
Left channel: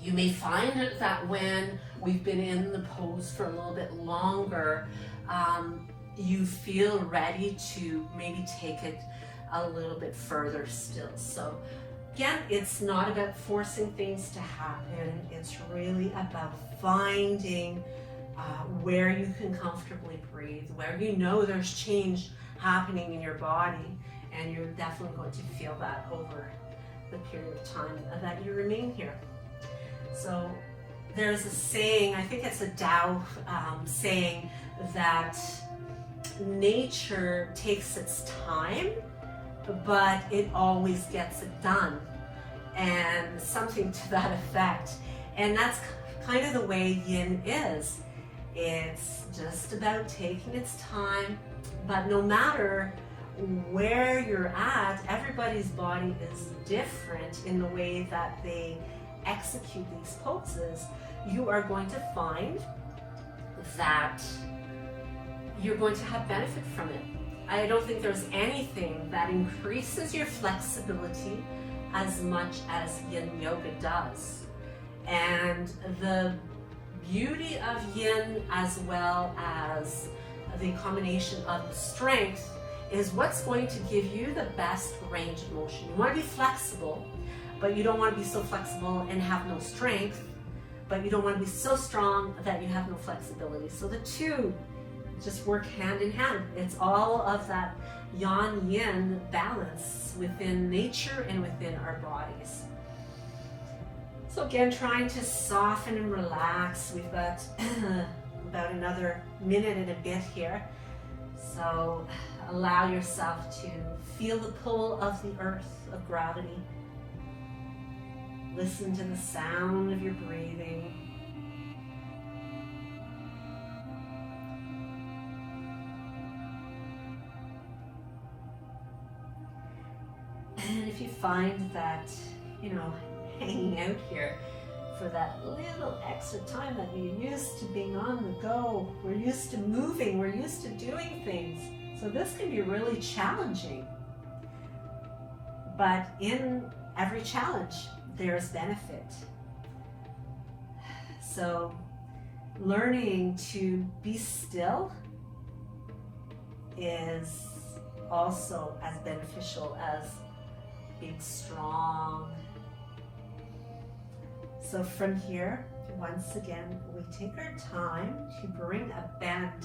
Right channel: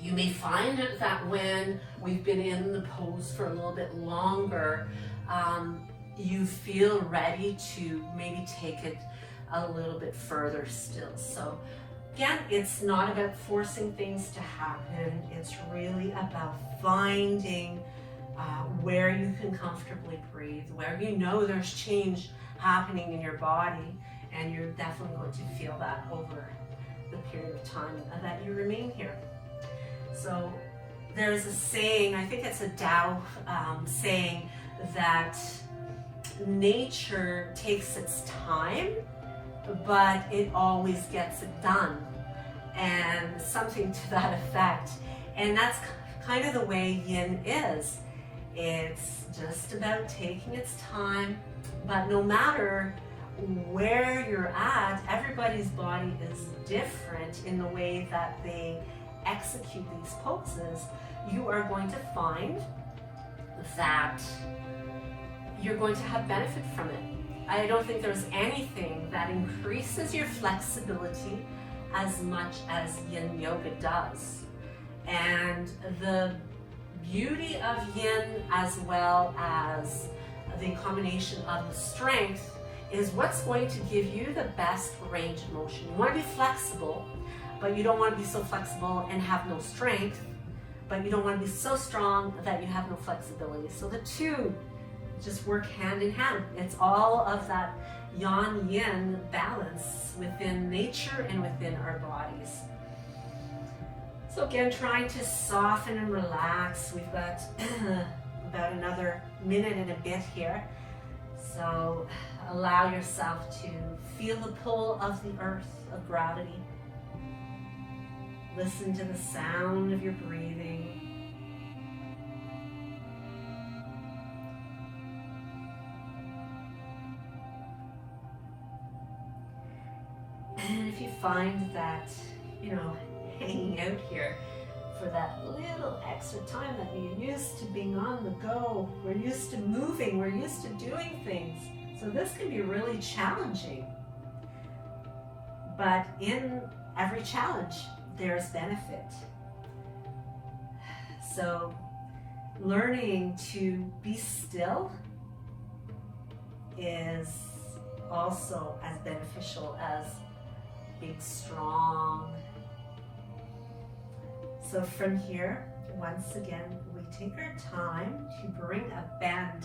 you may find that when we've been in the pose for a little bit longer, you feel ready to maybe take it a little bit further still. So again, it's not about forcing things to happen. It's really about finding where you can comfortably breathe, where you know there's change happening in your body, and you're definitely going to feel that over the period of time that you remain here. So there's a saying, I think it's a Tao saying, that nature takes its time, but it always gets it done, and something to that effect. And that's kind of the way Yin is. It's just about taking its time, but no matter where you're at, everybody's body is different in the way that they execute these poses. You are going to find that you're going to have benefit from it. I don't think there's anything that increases your flexibility as much as Yin Yoga does. And the beauty of yin as well as the combination of the strength is what's going to give you the best range of motion. You want to be flexible, but you don't want to be so flexible and have no strength, but you don't want to be so strong that you have no flexibility. So the two just work hand in hand. It's all of that yang yin balance within nature and within our bodies. So again, trying to soften and relax. We've got about another minute and a bit here. So allow yourself to feel the pull of the earth, of gravity. Listen to the sound of your breathing. And if you find that, hanging out here for that little extra time that you're used to being on the go, we're used to moving, we're used to doing things. So this can be really challenging. But in every challenge, there's benefit. So learning to be still is also as beneficial as being strong. So from here, once again, we take our time to bring a bend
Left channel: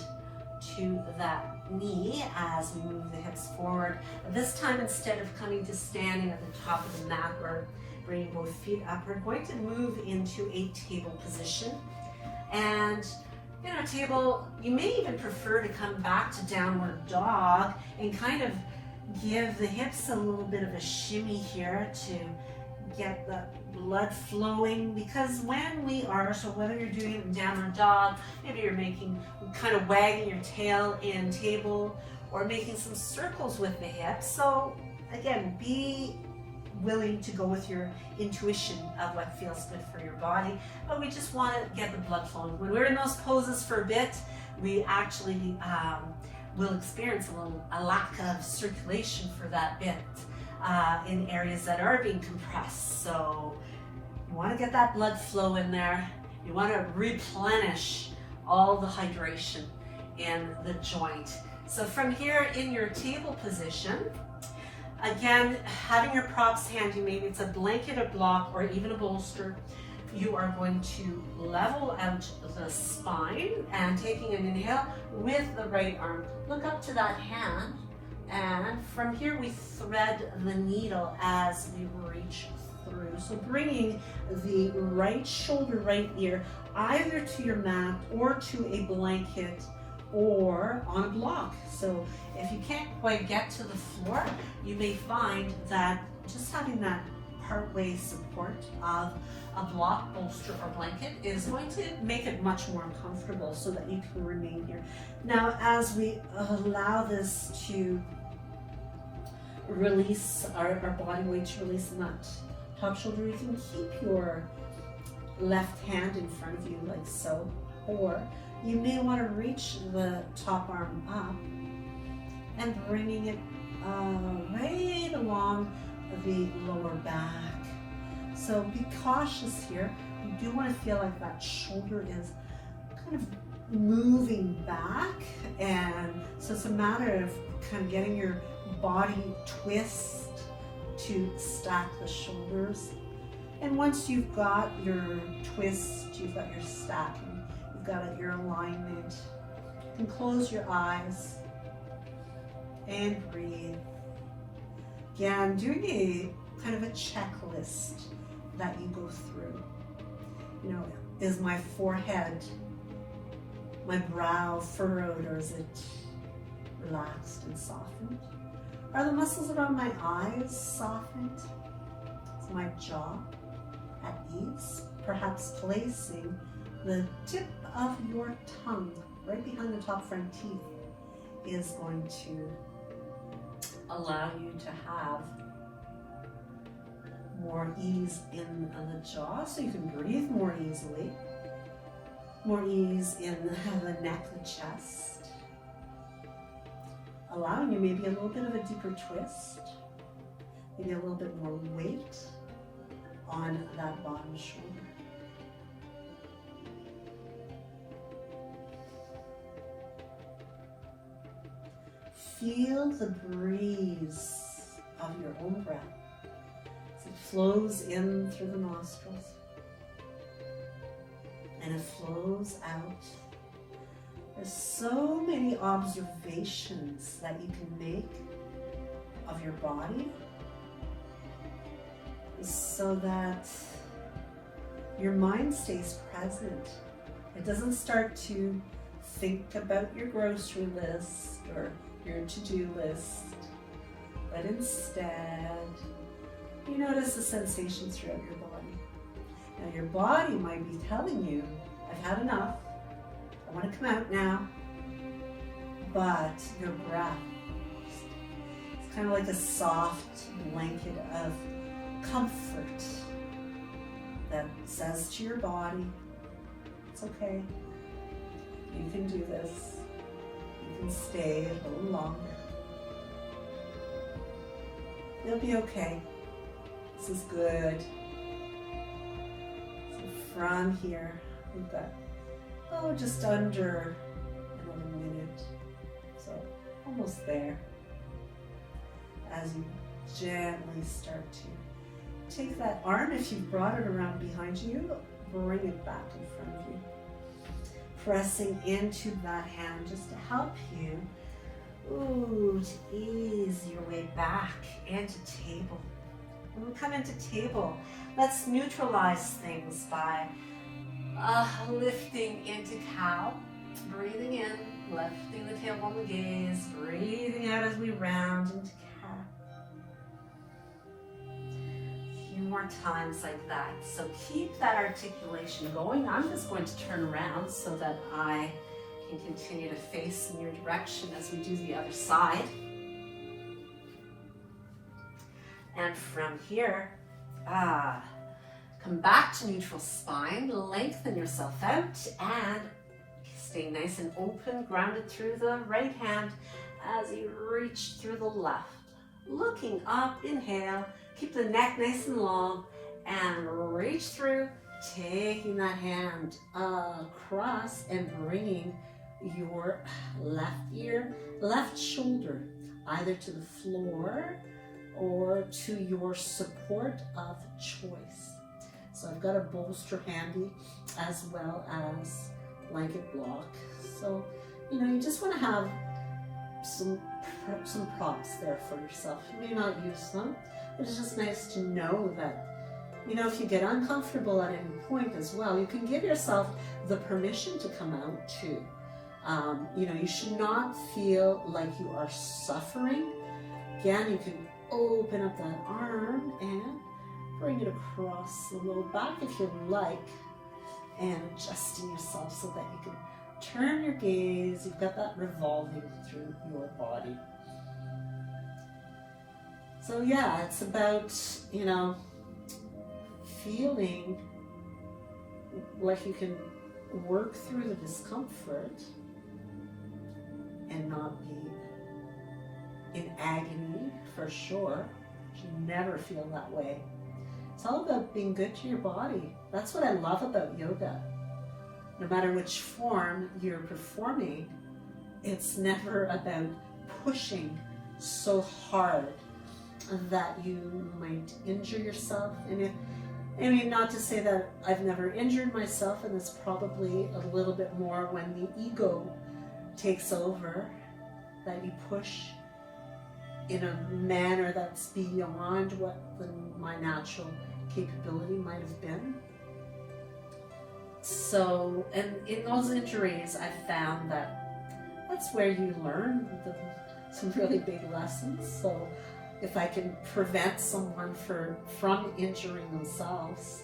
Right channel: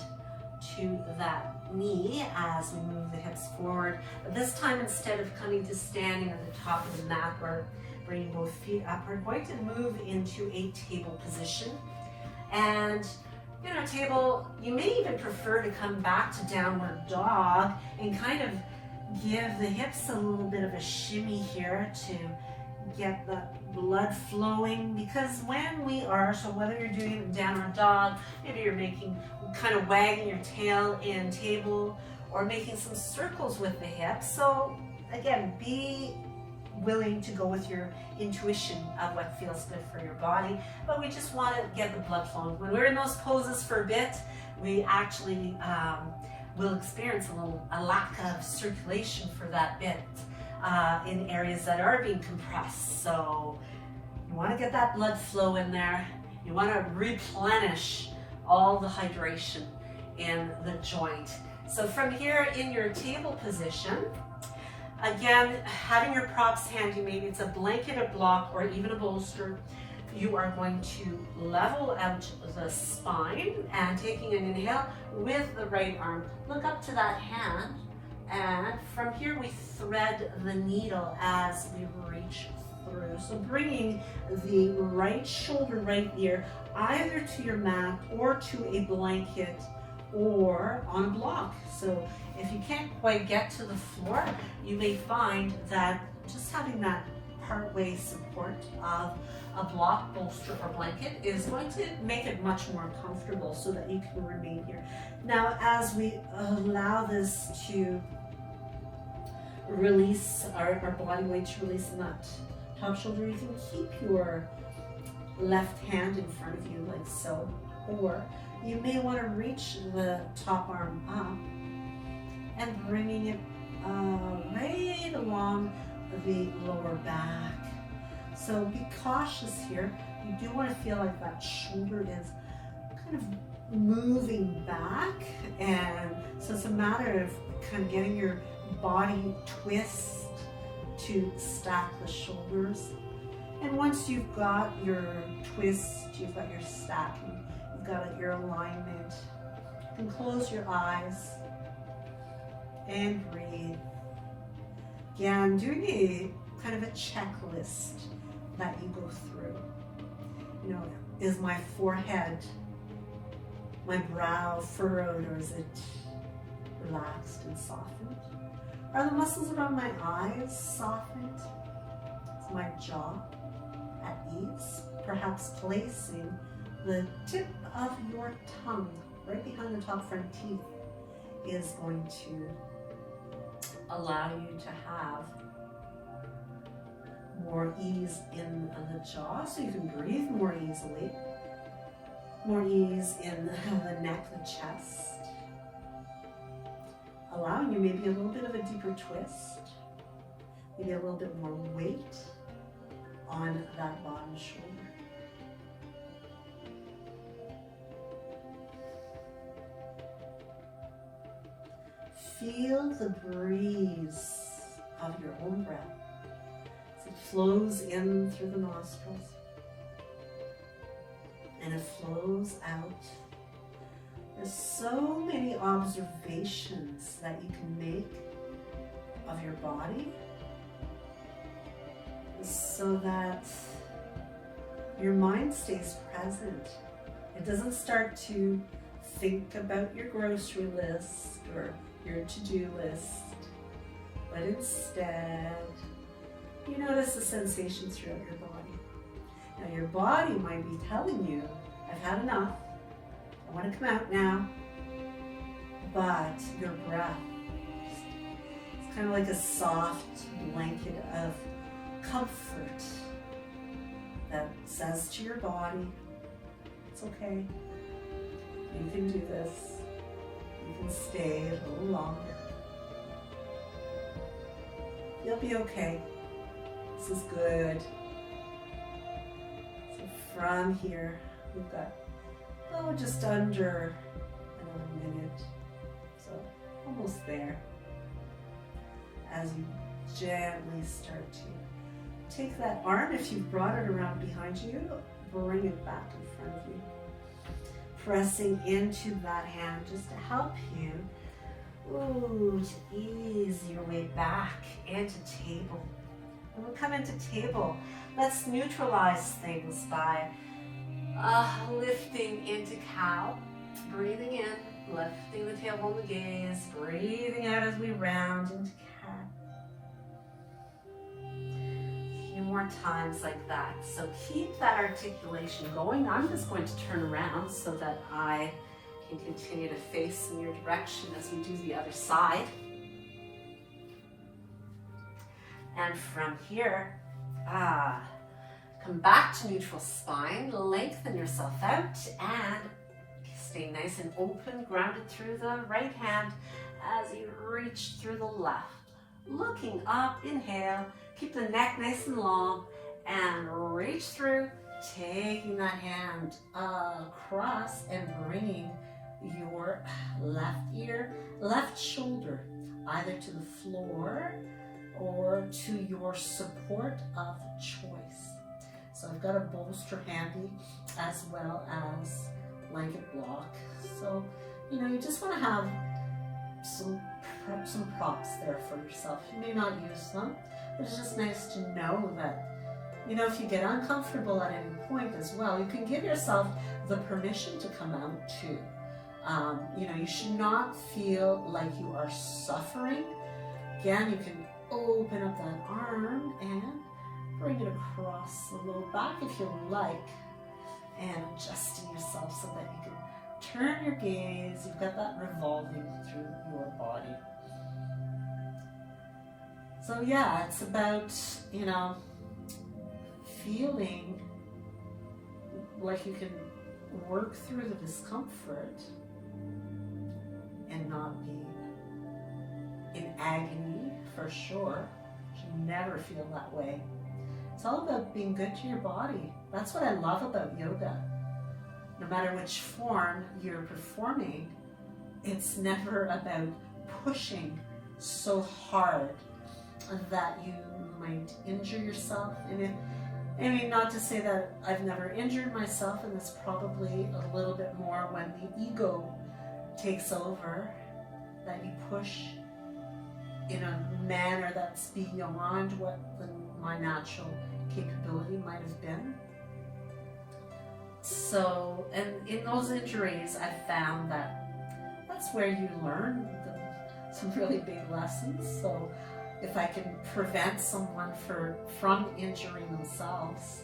to that knee as we move the hips forward. This time, instead of coming to standing at the top of the mat or bringing both feet up, we're going to move into a table position. And in a table, you may even prefer to come back to downward dog and kind of give the hips a little bit of a shimmy here to get the blood flowing, because when we are, so whether you're doing it in downward dog, maybe you're kind of wagging your tail in table or making some circles with the hips. So again, be willing to go with your intuition of what feels good for your body, but we just want to get the blood flowing. When we're in those poses for a bit, we actually will experience a lack of circulation for that bit in areas that are being compressed. So you want to get that blood flow in there. You want to replenish all the hydration in the joint. So from here in your table position, again, having your props handy, maybe it's a blanket, a block, or even a bolster, you are going to level out the spine and taking an inhale with the right arm. Look up to that hand, and from here we thread the needle as we reach through. So bringing the right shoulder, right ear, either to your mat or to a blanket or on a block. So if you can't quite get to the floor, you may find that just having that part-way support of a block, bolster, or blanket is going to make it much more comfortable so that you can remain here. Now, as we allow this to release our body weight, to release the top shoulder, you can keep your left hand in front of you like so, or you may want to reach the top arm up and bringing it right along the lower back. So be cautious here. You do want to feel like that shoulder is kind of moving back, and so it's a matter of kind of getting your body twist to stack the shoulders. And once you've got your twist, you've got your stacking, you've got your alignment, you can close your eyes and breathe. Again, doing a kind of a checklist that you go through. Is my forehead, my brow furrowed, or is it relaxed and softened? Are the muscles around my eyes softened? Is my jaw at ease? Perhaps placing the tip of your tongue right behind the top front teeth is going to allow you to have more ease in the jaw, so you can breathe more easily, more ease in the neck, the chest, allowing you maybe a little bit of a deeper twist, maybe a little bit more weight on that bottom shoulder. feel the breeze of your own breath as it flows in through the nostrils and it flows out. There's so many observations that you can make of your body so that your mind stays present. It doesn't start to think about your grocery list or your to-do list, but instead you notice the sensations throughout your body. Now your body might be telling you, I've had enough, I want to come out now, but your breath, it's kind of like a soft blanket of comfort that says to your body, it's okay, you can do this, you can stay a little longer, you'll be okay, this is good. So from here, we've got, just under another minute, so almost there, as you gently start to take that arm, if you've brought it around behind you, bring it back in front of you. Pressing into that hand just to help you to ease your way back into table. When we come into table, let's neutralize things by lifting into cow, breathing in, lifting the tailbone, the gaze, breathing out as we round into cat. A few more times like that. So keep that articulation going. I'm just going to turn around so that I can continue to face in your direction as we do the other side. And from here, come back to neutral spine, lengthen yourself out, and stay nice and open, grounded through the right hand as you reach through the left. Looking up, inhale, keep the neck nice and long, and reach through, taking that hand across and bringing your left ear, left shoulder, either to the floor or to your support of choice. So I've got a bolster handy as well as blanket block. So, you just want to have some props there for yourself. You may not use them, but it's just nice to know that, if you get uncomfortable at any point as well, you can give yourself the permission to come out too. You should not feel like you are suffering. Again, you can open up that arm and bring it across the low back if you like, and adjusting yourself so that you can turn your gaze. You've got that revolving through your body. So yeah, it's about, feeling like you can work through the discomfort and not be in agony, for sure. You should never feel that way. It's all about being good to your body. That's what I love about yoga. No matter which form you're performing, it's never about pushing so hard that you might injure yourself. Not to say that I've never injured myself, and it's probably a little bit more when the ego takes over, that you push in a manner that's beyond what my natural capability might have been. So, and in those injuries, I found that that's where you learn some really big lessons. So if I can prevent someone from injuring themselves,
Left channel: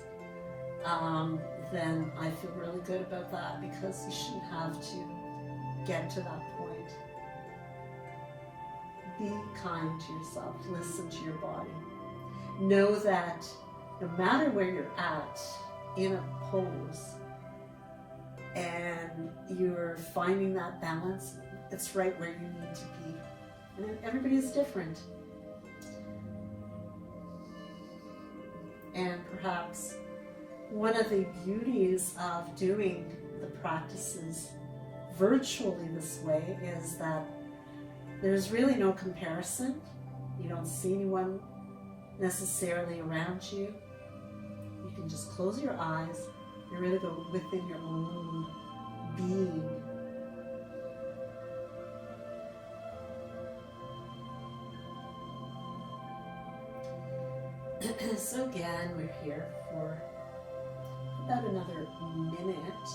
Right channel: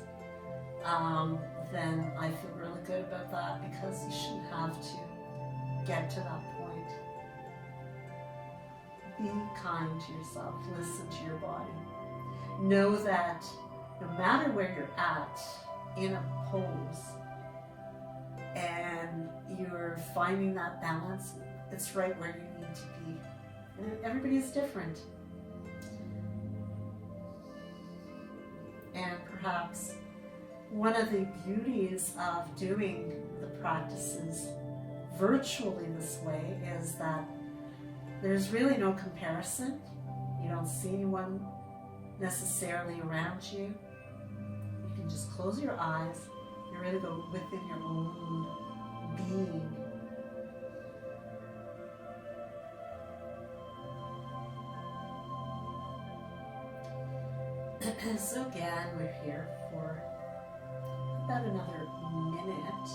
then I feel really good about that, because you shouldn't have to get to that point. Be kind to yourself, listen to your body. Know that no matter where you're at in a pose and you're finding that balance, it's right where you need to be. And everybody's different. And perhaps one of the beauties of doing the practices virtually this way is that There's really no comparison. You don't see anyone necessarily around you. You can just close your eyes and really go within your own being. So again, we're here for about another minute.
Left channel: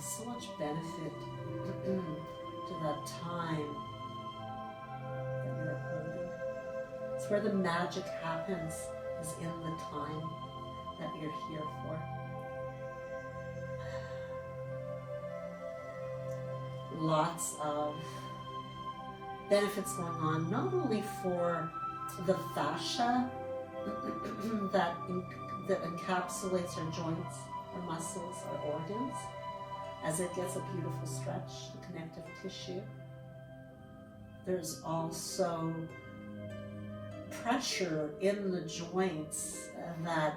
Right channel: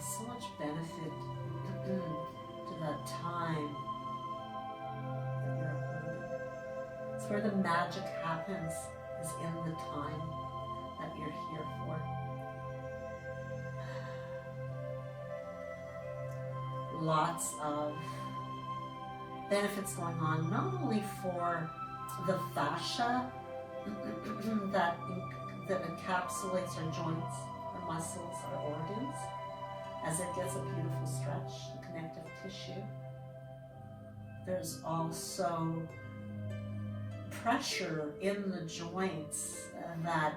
So much benefit to that time that you're holding. It's where the magic happens, is in the time that you're here for. Lots of benefits going on, not only for the fascia that encapsulates our joints, our muscles, our organs, as it gets a beautiful stretch, the connective tissue. There's also pressure in the joints that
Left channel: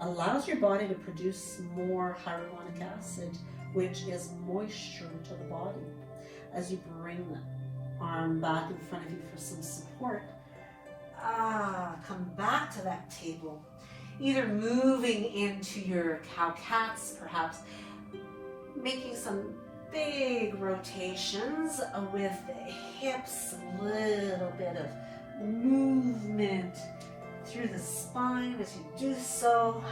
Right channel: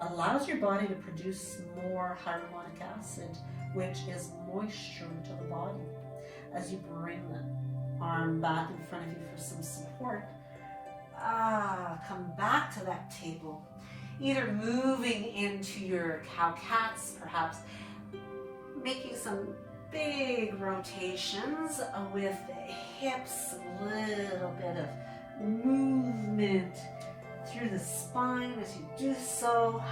allows your body to produce more hyaluronic acid, which is moisture to the body. As you bring the arm back in front of you for some support, come back to that table, either moving into your cow-cats, perhaps making some big rotations with the hips, a little bit of movement through the spine as you do so.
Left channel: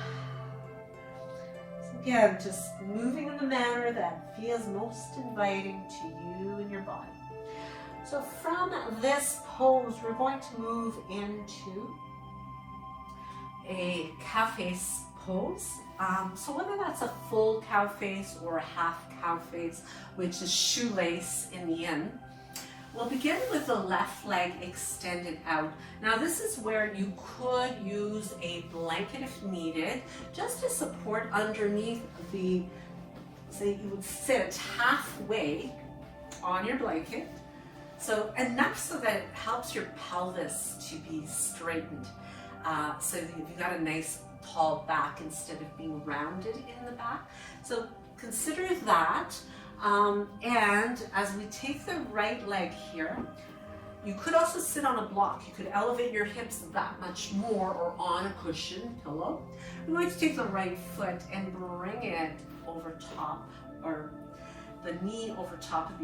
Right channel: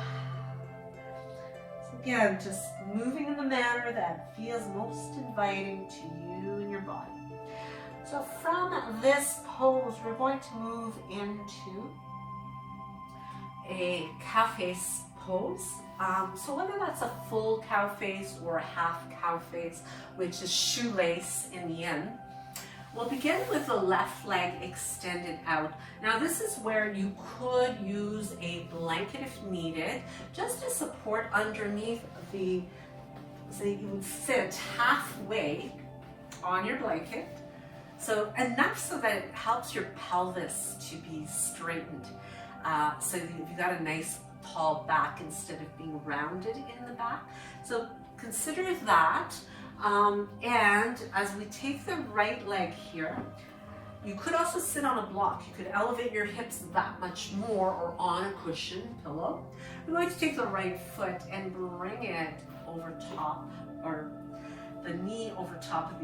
So again, just moving in the manner that feels most inviting to you and your body. So from this pose, we're going to move into a cow face pose. So whether that's a full cow face or a half cow face, which is shoelace in the yin, we'll begin with the left leg extended out. Now this is where you could use a blanket if needed, just to support underneath the, so you would sit halfway on your blanket. So enough so that it helps your pelvis to be straightened. So you've got a nice tall back instead of being rounded in the back. So consider that. And as we take the right leg here, you could also sit on a block. You could elevate your hips that much more, or on a cushion pillow. We're going to take the right foot and bring it over top, or the knee over top of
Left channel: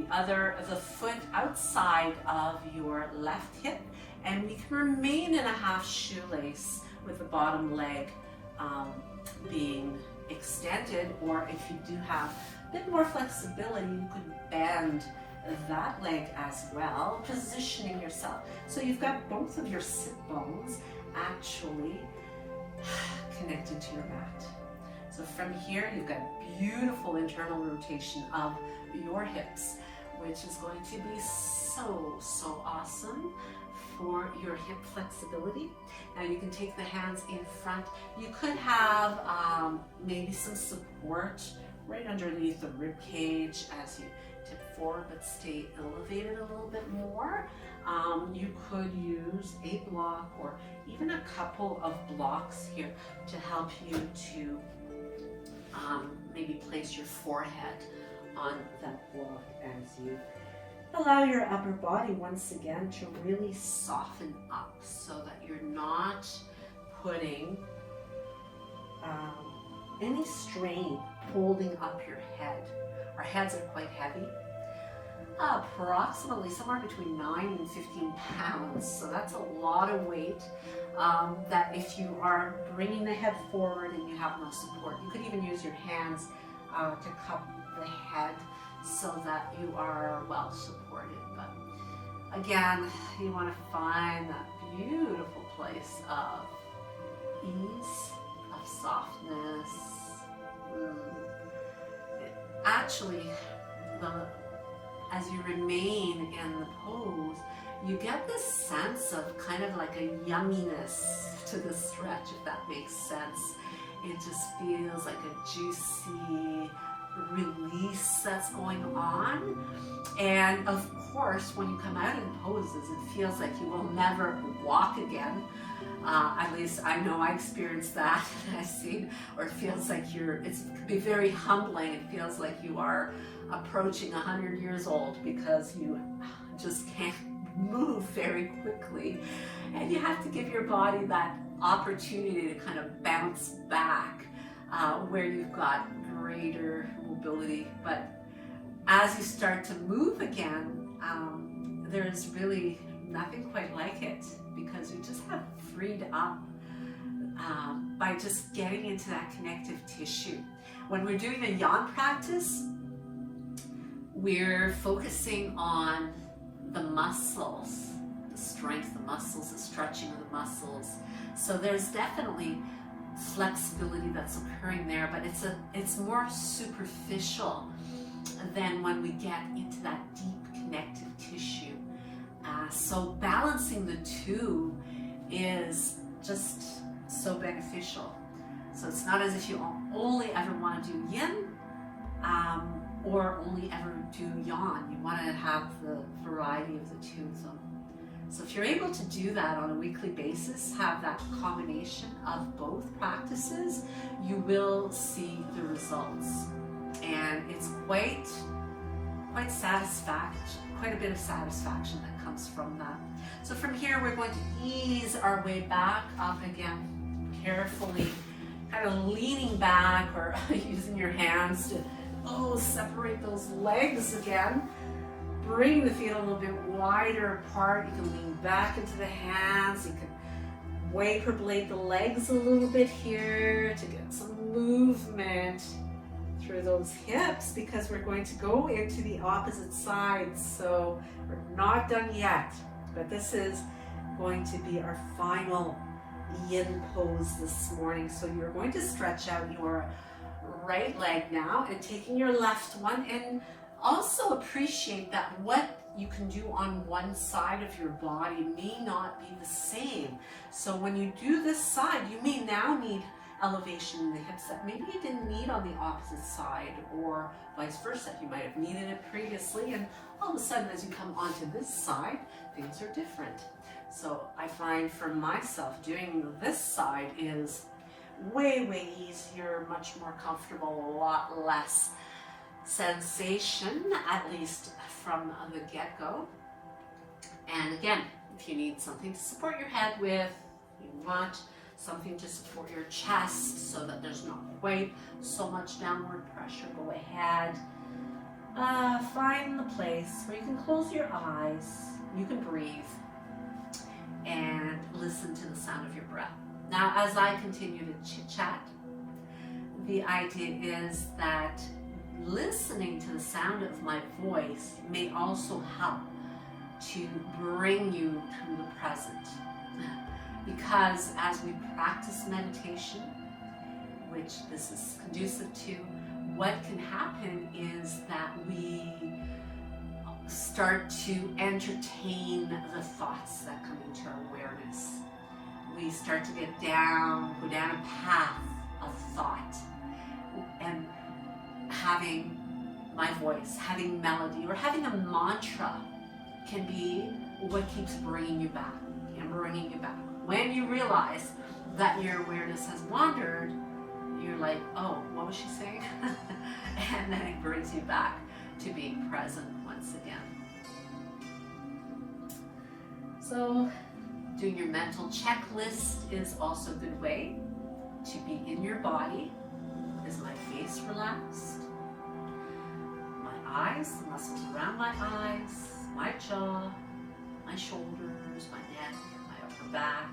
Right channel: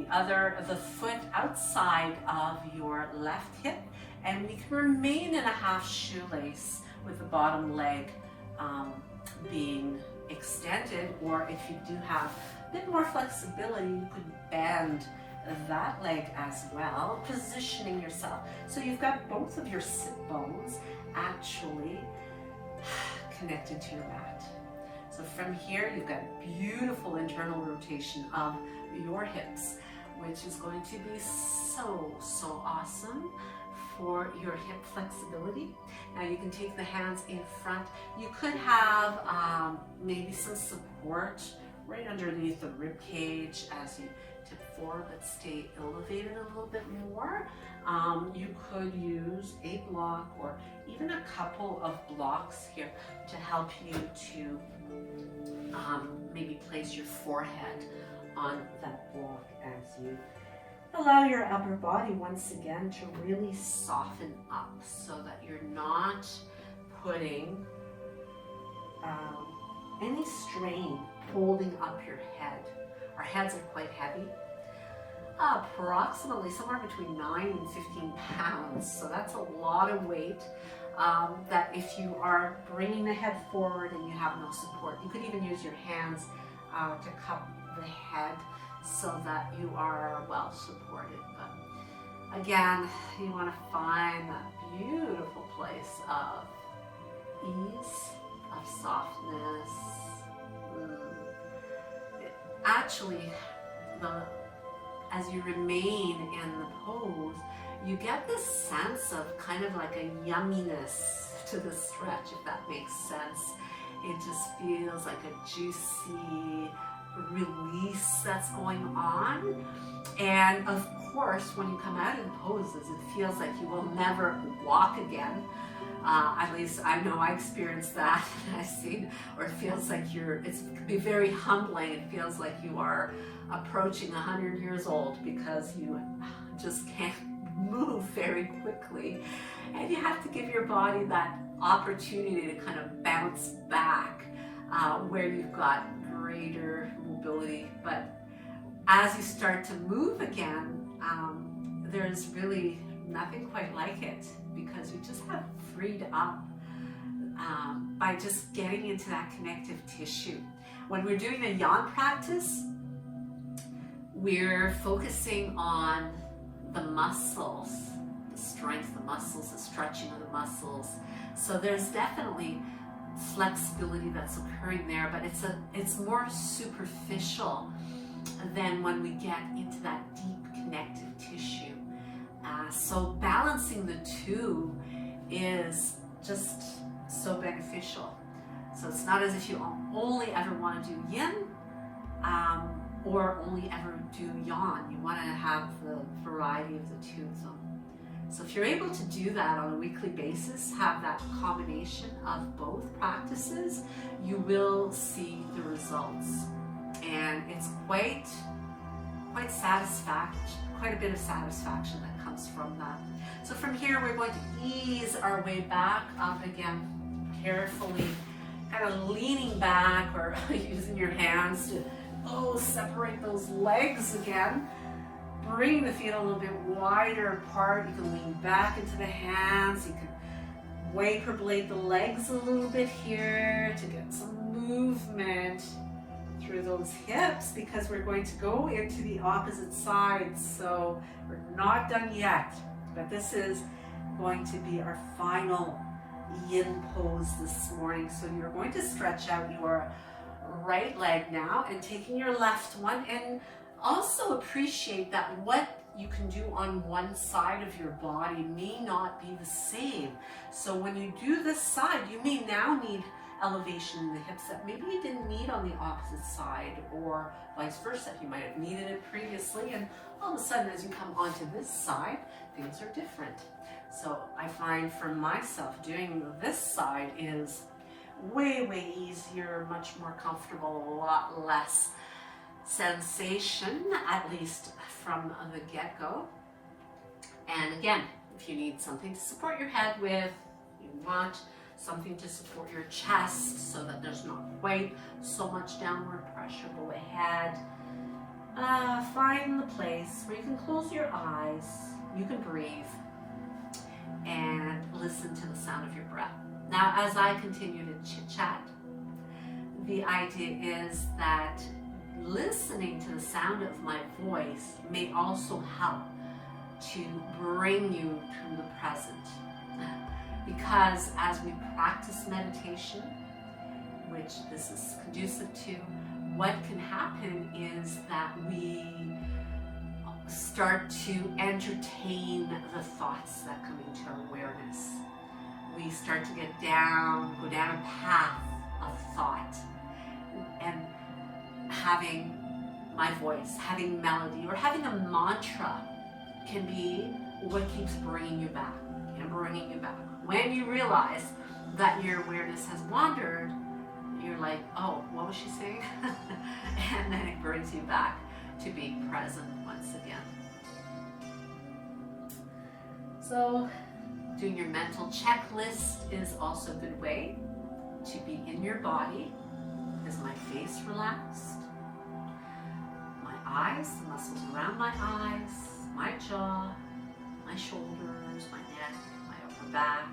the foot outside of your left hip, and we can remain in a half shoelace with the bottom leg being extended, or if you do have a bit more flexibility, you could bend that leg as well, positioning yourself. So you've got both of your sit bones actually connected to your mat. So from here, you've got beautiful internal rotation of your hips, which is going to be so awesome for your hip flexibility. Now you can take the hands in front. You could have maybe some support right underneath the rib cage as you tip forward, but stay elevated a little bit more. You could use a block or even a couple of blocks here to help you to maybe place your forehead on that block as you allow your upper body once again to really soften up, so that you're not putting any strain holding up your head. Our heads are quite heavy, approximately somewhere between 9 and 15 pounds. So that's a lot of weight that if you are bringing the head forward and you have no support, you could even use your hands to cup the head so that you are well supported. But again, you want to find that beautiful place of ease, of softness. Actually, as you remain in the pose, you get this sense of kind of like a yumminess to the stretch, if that makes sense. It just feels like a juicy, release that's going on. And of course, when you come out of poses, it feels like you will never walk again. At least I know I experienced that. I've seen, or it feels like it can be very humbling. It feels like you are approaching 100 years old because you just can't move very quickly. And you have to give your body that opportunity to kind of bounce back where you've got greater mobility. But as you start to move again, there's really nothing quite like it, because you just have freed up by just getting into that connective tissue. When we're doing a Yang practice, we're focusing on the muscles, the strength of the muscles, the stretching of the muscles. So there's definitely flexibility that's occurring there, but it's more superficial than when we get into that deep connective tissue. So balancing the two is just so beneficial. So it's not as if you only ever want to do Yin or only ever do Yang. You want to have the variety of the two. So if you're able to do that on a weekly basis, have that combination of both practices, you will see the results. And it's quite satisfaction, quite a bit of satisfaction that comes from that. So from here, we're going to ease our way back up again, carefully, kind of leaning back or using your hands to separate those legs again. Bring the feet a little bit wider apart. You can lean back into the hands. You can waver blade the legs a little bit here to get some movement through those hips, because we're going to go into the opposite side. So we're not done yet, but this is going to be our final Yin pose this morning. So you're going to stretch out your right leg now and taking your left one, and also appreciate that what you can do on one side of your body may not be the same. So when you do this side, you may now need elevation in the hips that maybe you didn't need on the opposite side, or vice versa. You might have needed it previously, and all of a sudden as you come onto this side, things are different. So I find for myself, doing this side is way easier, much more comfortable, a lot less sensation, at least from the get-go. And again, if you need something to support your head with, you want something to support your chest so that there's not quite so much downward pressure, go ahead. Find the place where you can close your eyes, you can breathe, and listen to the sound of your breath. Now, as I continue to chit-chat, the idea is that listening to the sound of my voice may also help to bring you to the present. Because as we practice meditation, which this is conducive to, what can happen is that we start to entertain the thoughts that come into our awareness. We start to go down a path of thought, and having my voice, having melody, or having a mantra can be what keeps bringing you back and bringing you back. When you realize that your awareness has wandered, you're like, oh, what was she saying? And then it brings you back to being present once again. So doing your mental checklist is also a good way to be in your body. Is my face relaxed? My eyes, the muscles around my eyes, my jaw, my shoulders, my neck, my upper back,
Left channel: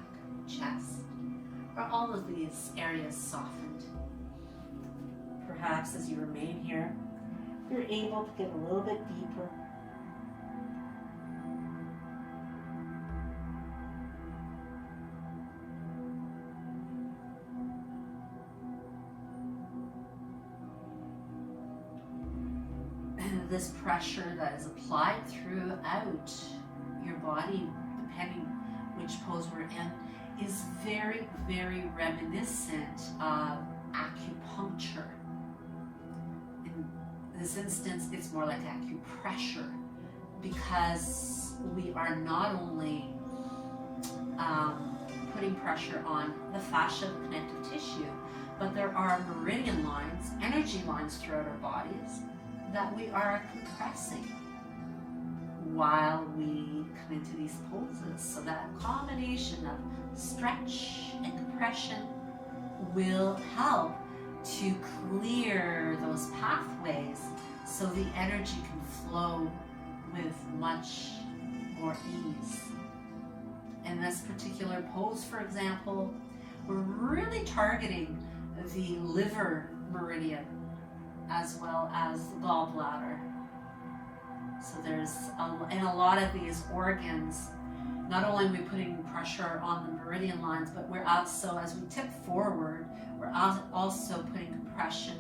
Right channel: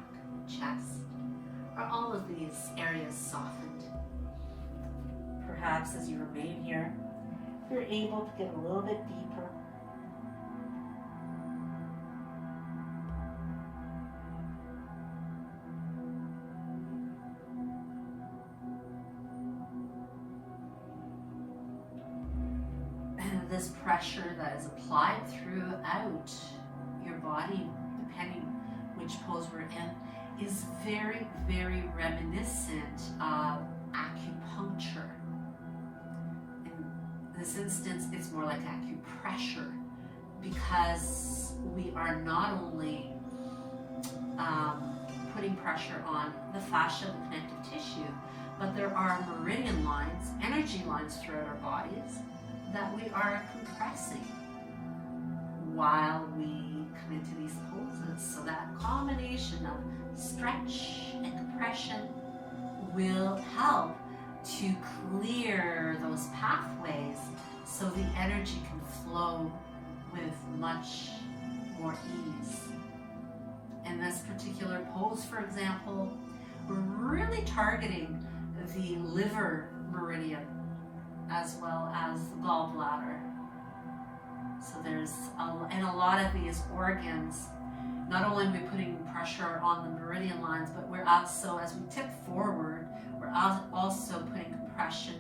chest. Are all of these areas softened? Perhaps as you remain here, you're able to get a little bit deeper. And this pressure that is applied throughout your body, depending which pose we're in, is very reminiscent of acupuncture. And this instance, it's more like acupressure, because we are not only putting pressure on the fascia, the connective tissue, but there are meridian lines, energy lines throughout our bodies that we are compressing while we come into these poses. So that combination of stretch and compression will help to clear those pathways so the energy can flow with much more ease. In this particular pose, for example, we're really targeting the liver meridian as well as the gallbladder. So there's in a lot of these organs, not only are we putting pressure on the meridian lines, but we're also, as we tip forward, we're also putting compression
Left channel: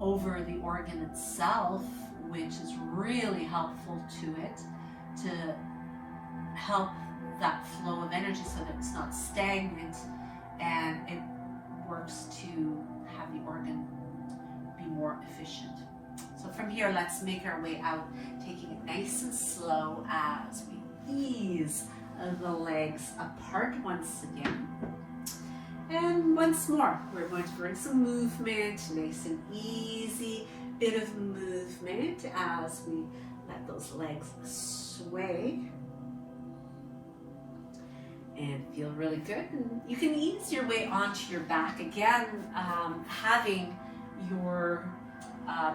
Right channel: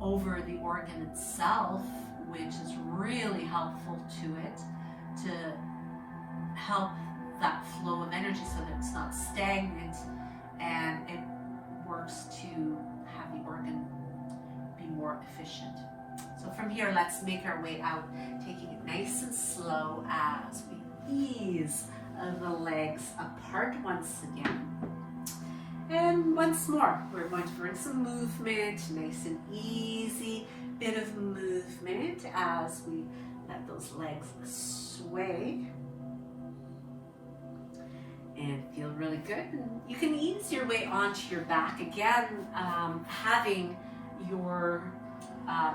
over the organ itself, which is really helpful to it, to help that flow of energy so that it's not stagnant, and it works to have the organ be more efficient. So from here, let's make our way out, taking it nice and slow as we ease the legs apart once again. And once more, we're going to bring some movement, nice and easy bit of movement as we let those legs sway and feel really good. And you can ease your way onto your back again, having your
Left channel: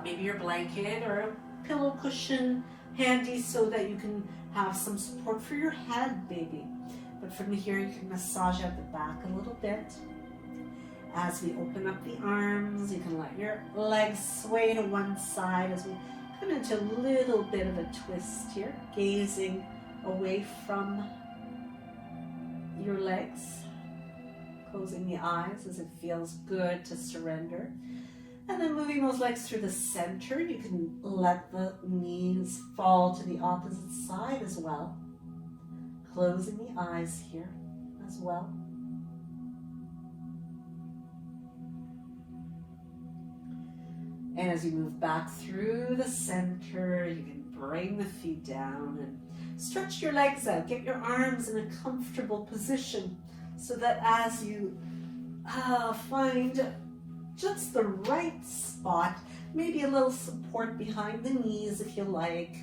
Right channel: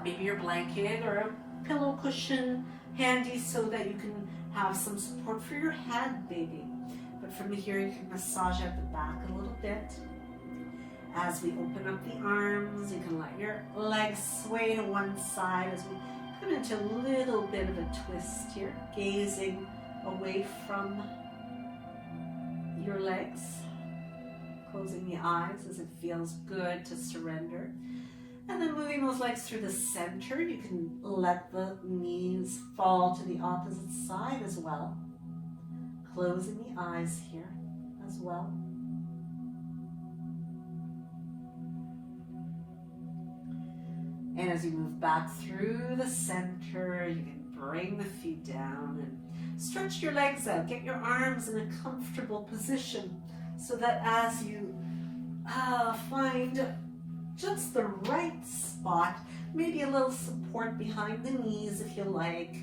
maybe your blanket or a pillow cushion handy so that you can have some support for your head maybe. But from here you can massage out the back a little bit. As we open up the arms, you can let your legs sway to one side as we come into a little bit of a twist here, gazing away from your legs, closing the eyes as it feels good to surrender. And then moving those legs through the center, you can let the knees fall to the opposite side as well. Closing the eyes here as well. And as you move back through the center, you can bring the feet down and stretch your legs out. Get your arms in a comfortable position so that as you find just the right spot, maybe a little support behind the knees if you like.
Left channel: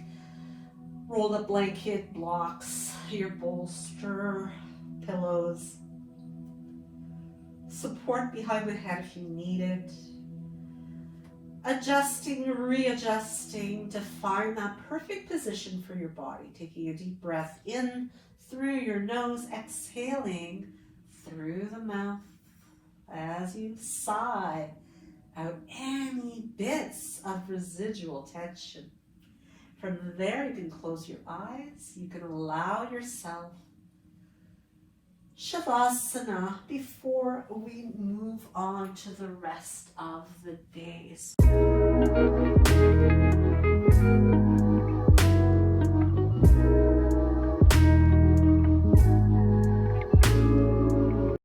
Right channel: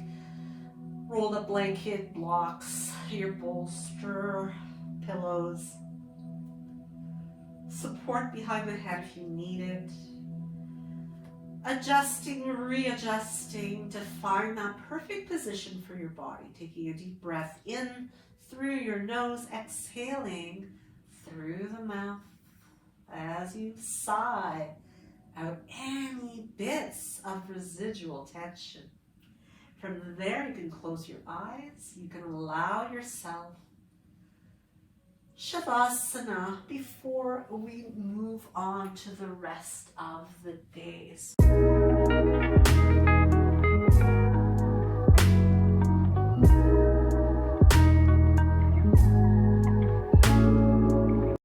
Roll up blanket, blocks, your bolster, pillows. Support behind the head if you need it. Adjusting, readjusting to find that perfect position for your body. Taking a deep breath in through your nose, exhaling through the mouth as you sigh out any bits of residual tension. From there, you can close your eyes. You can allow yourself Shavasana before we move on to the rest of the day.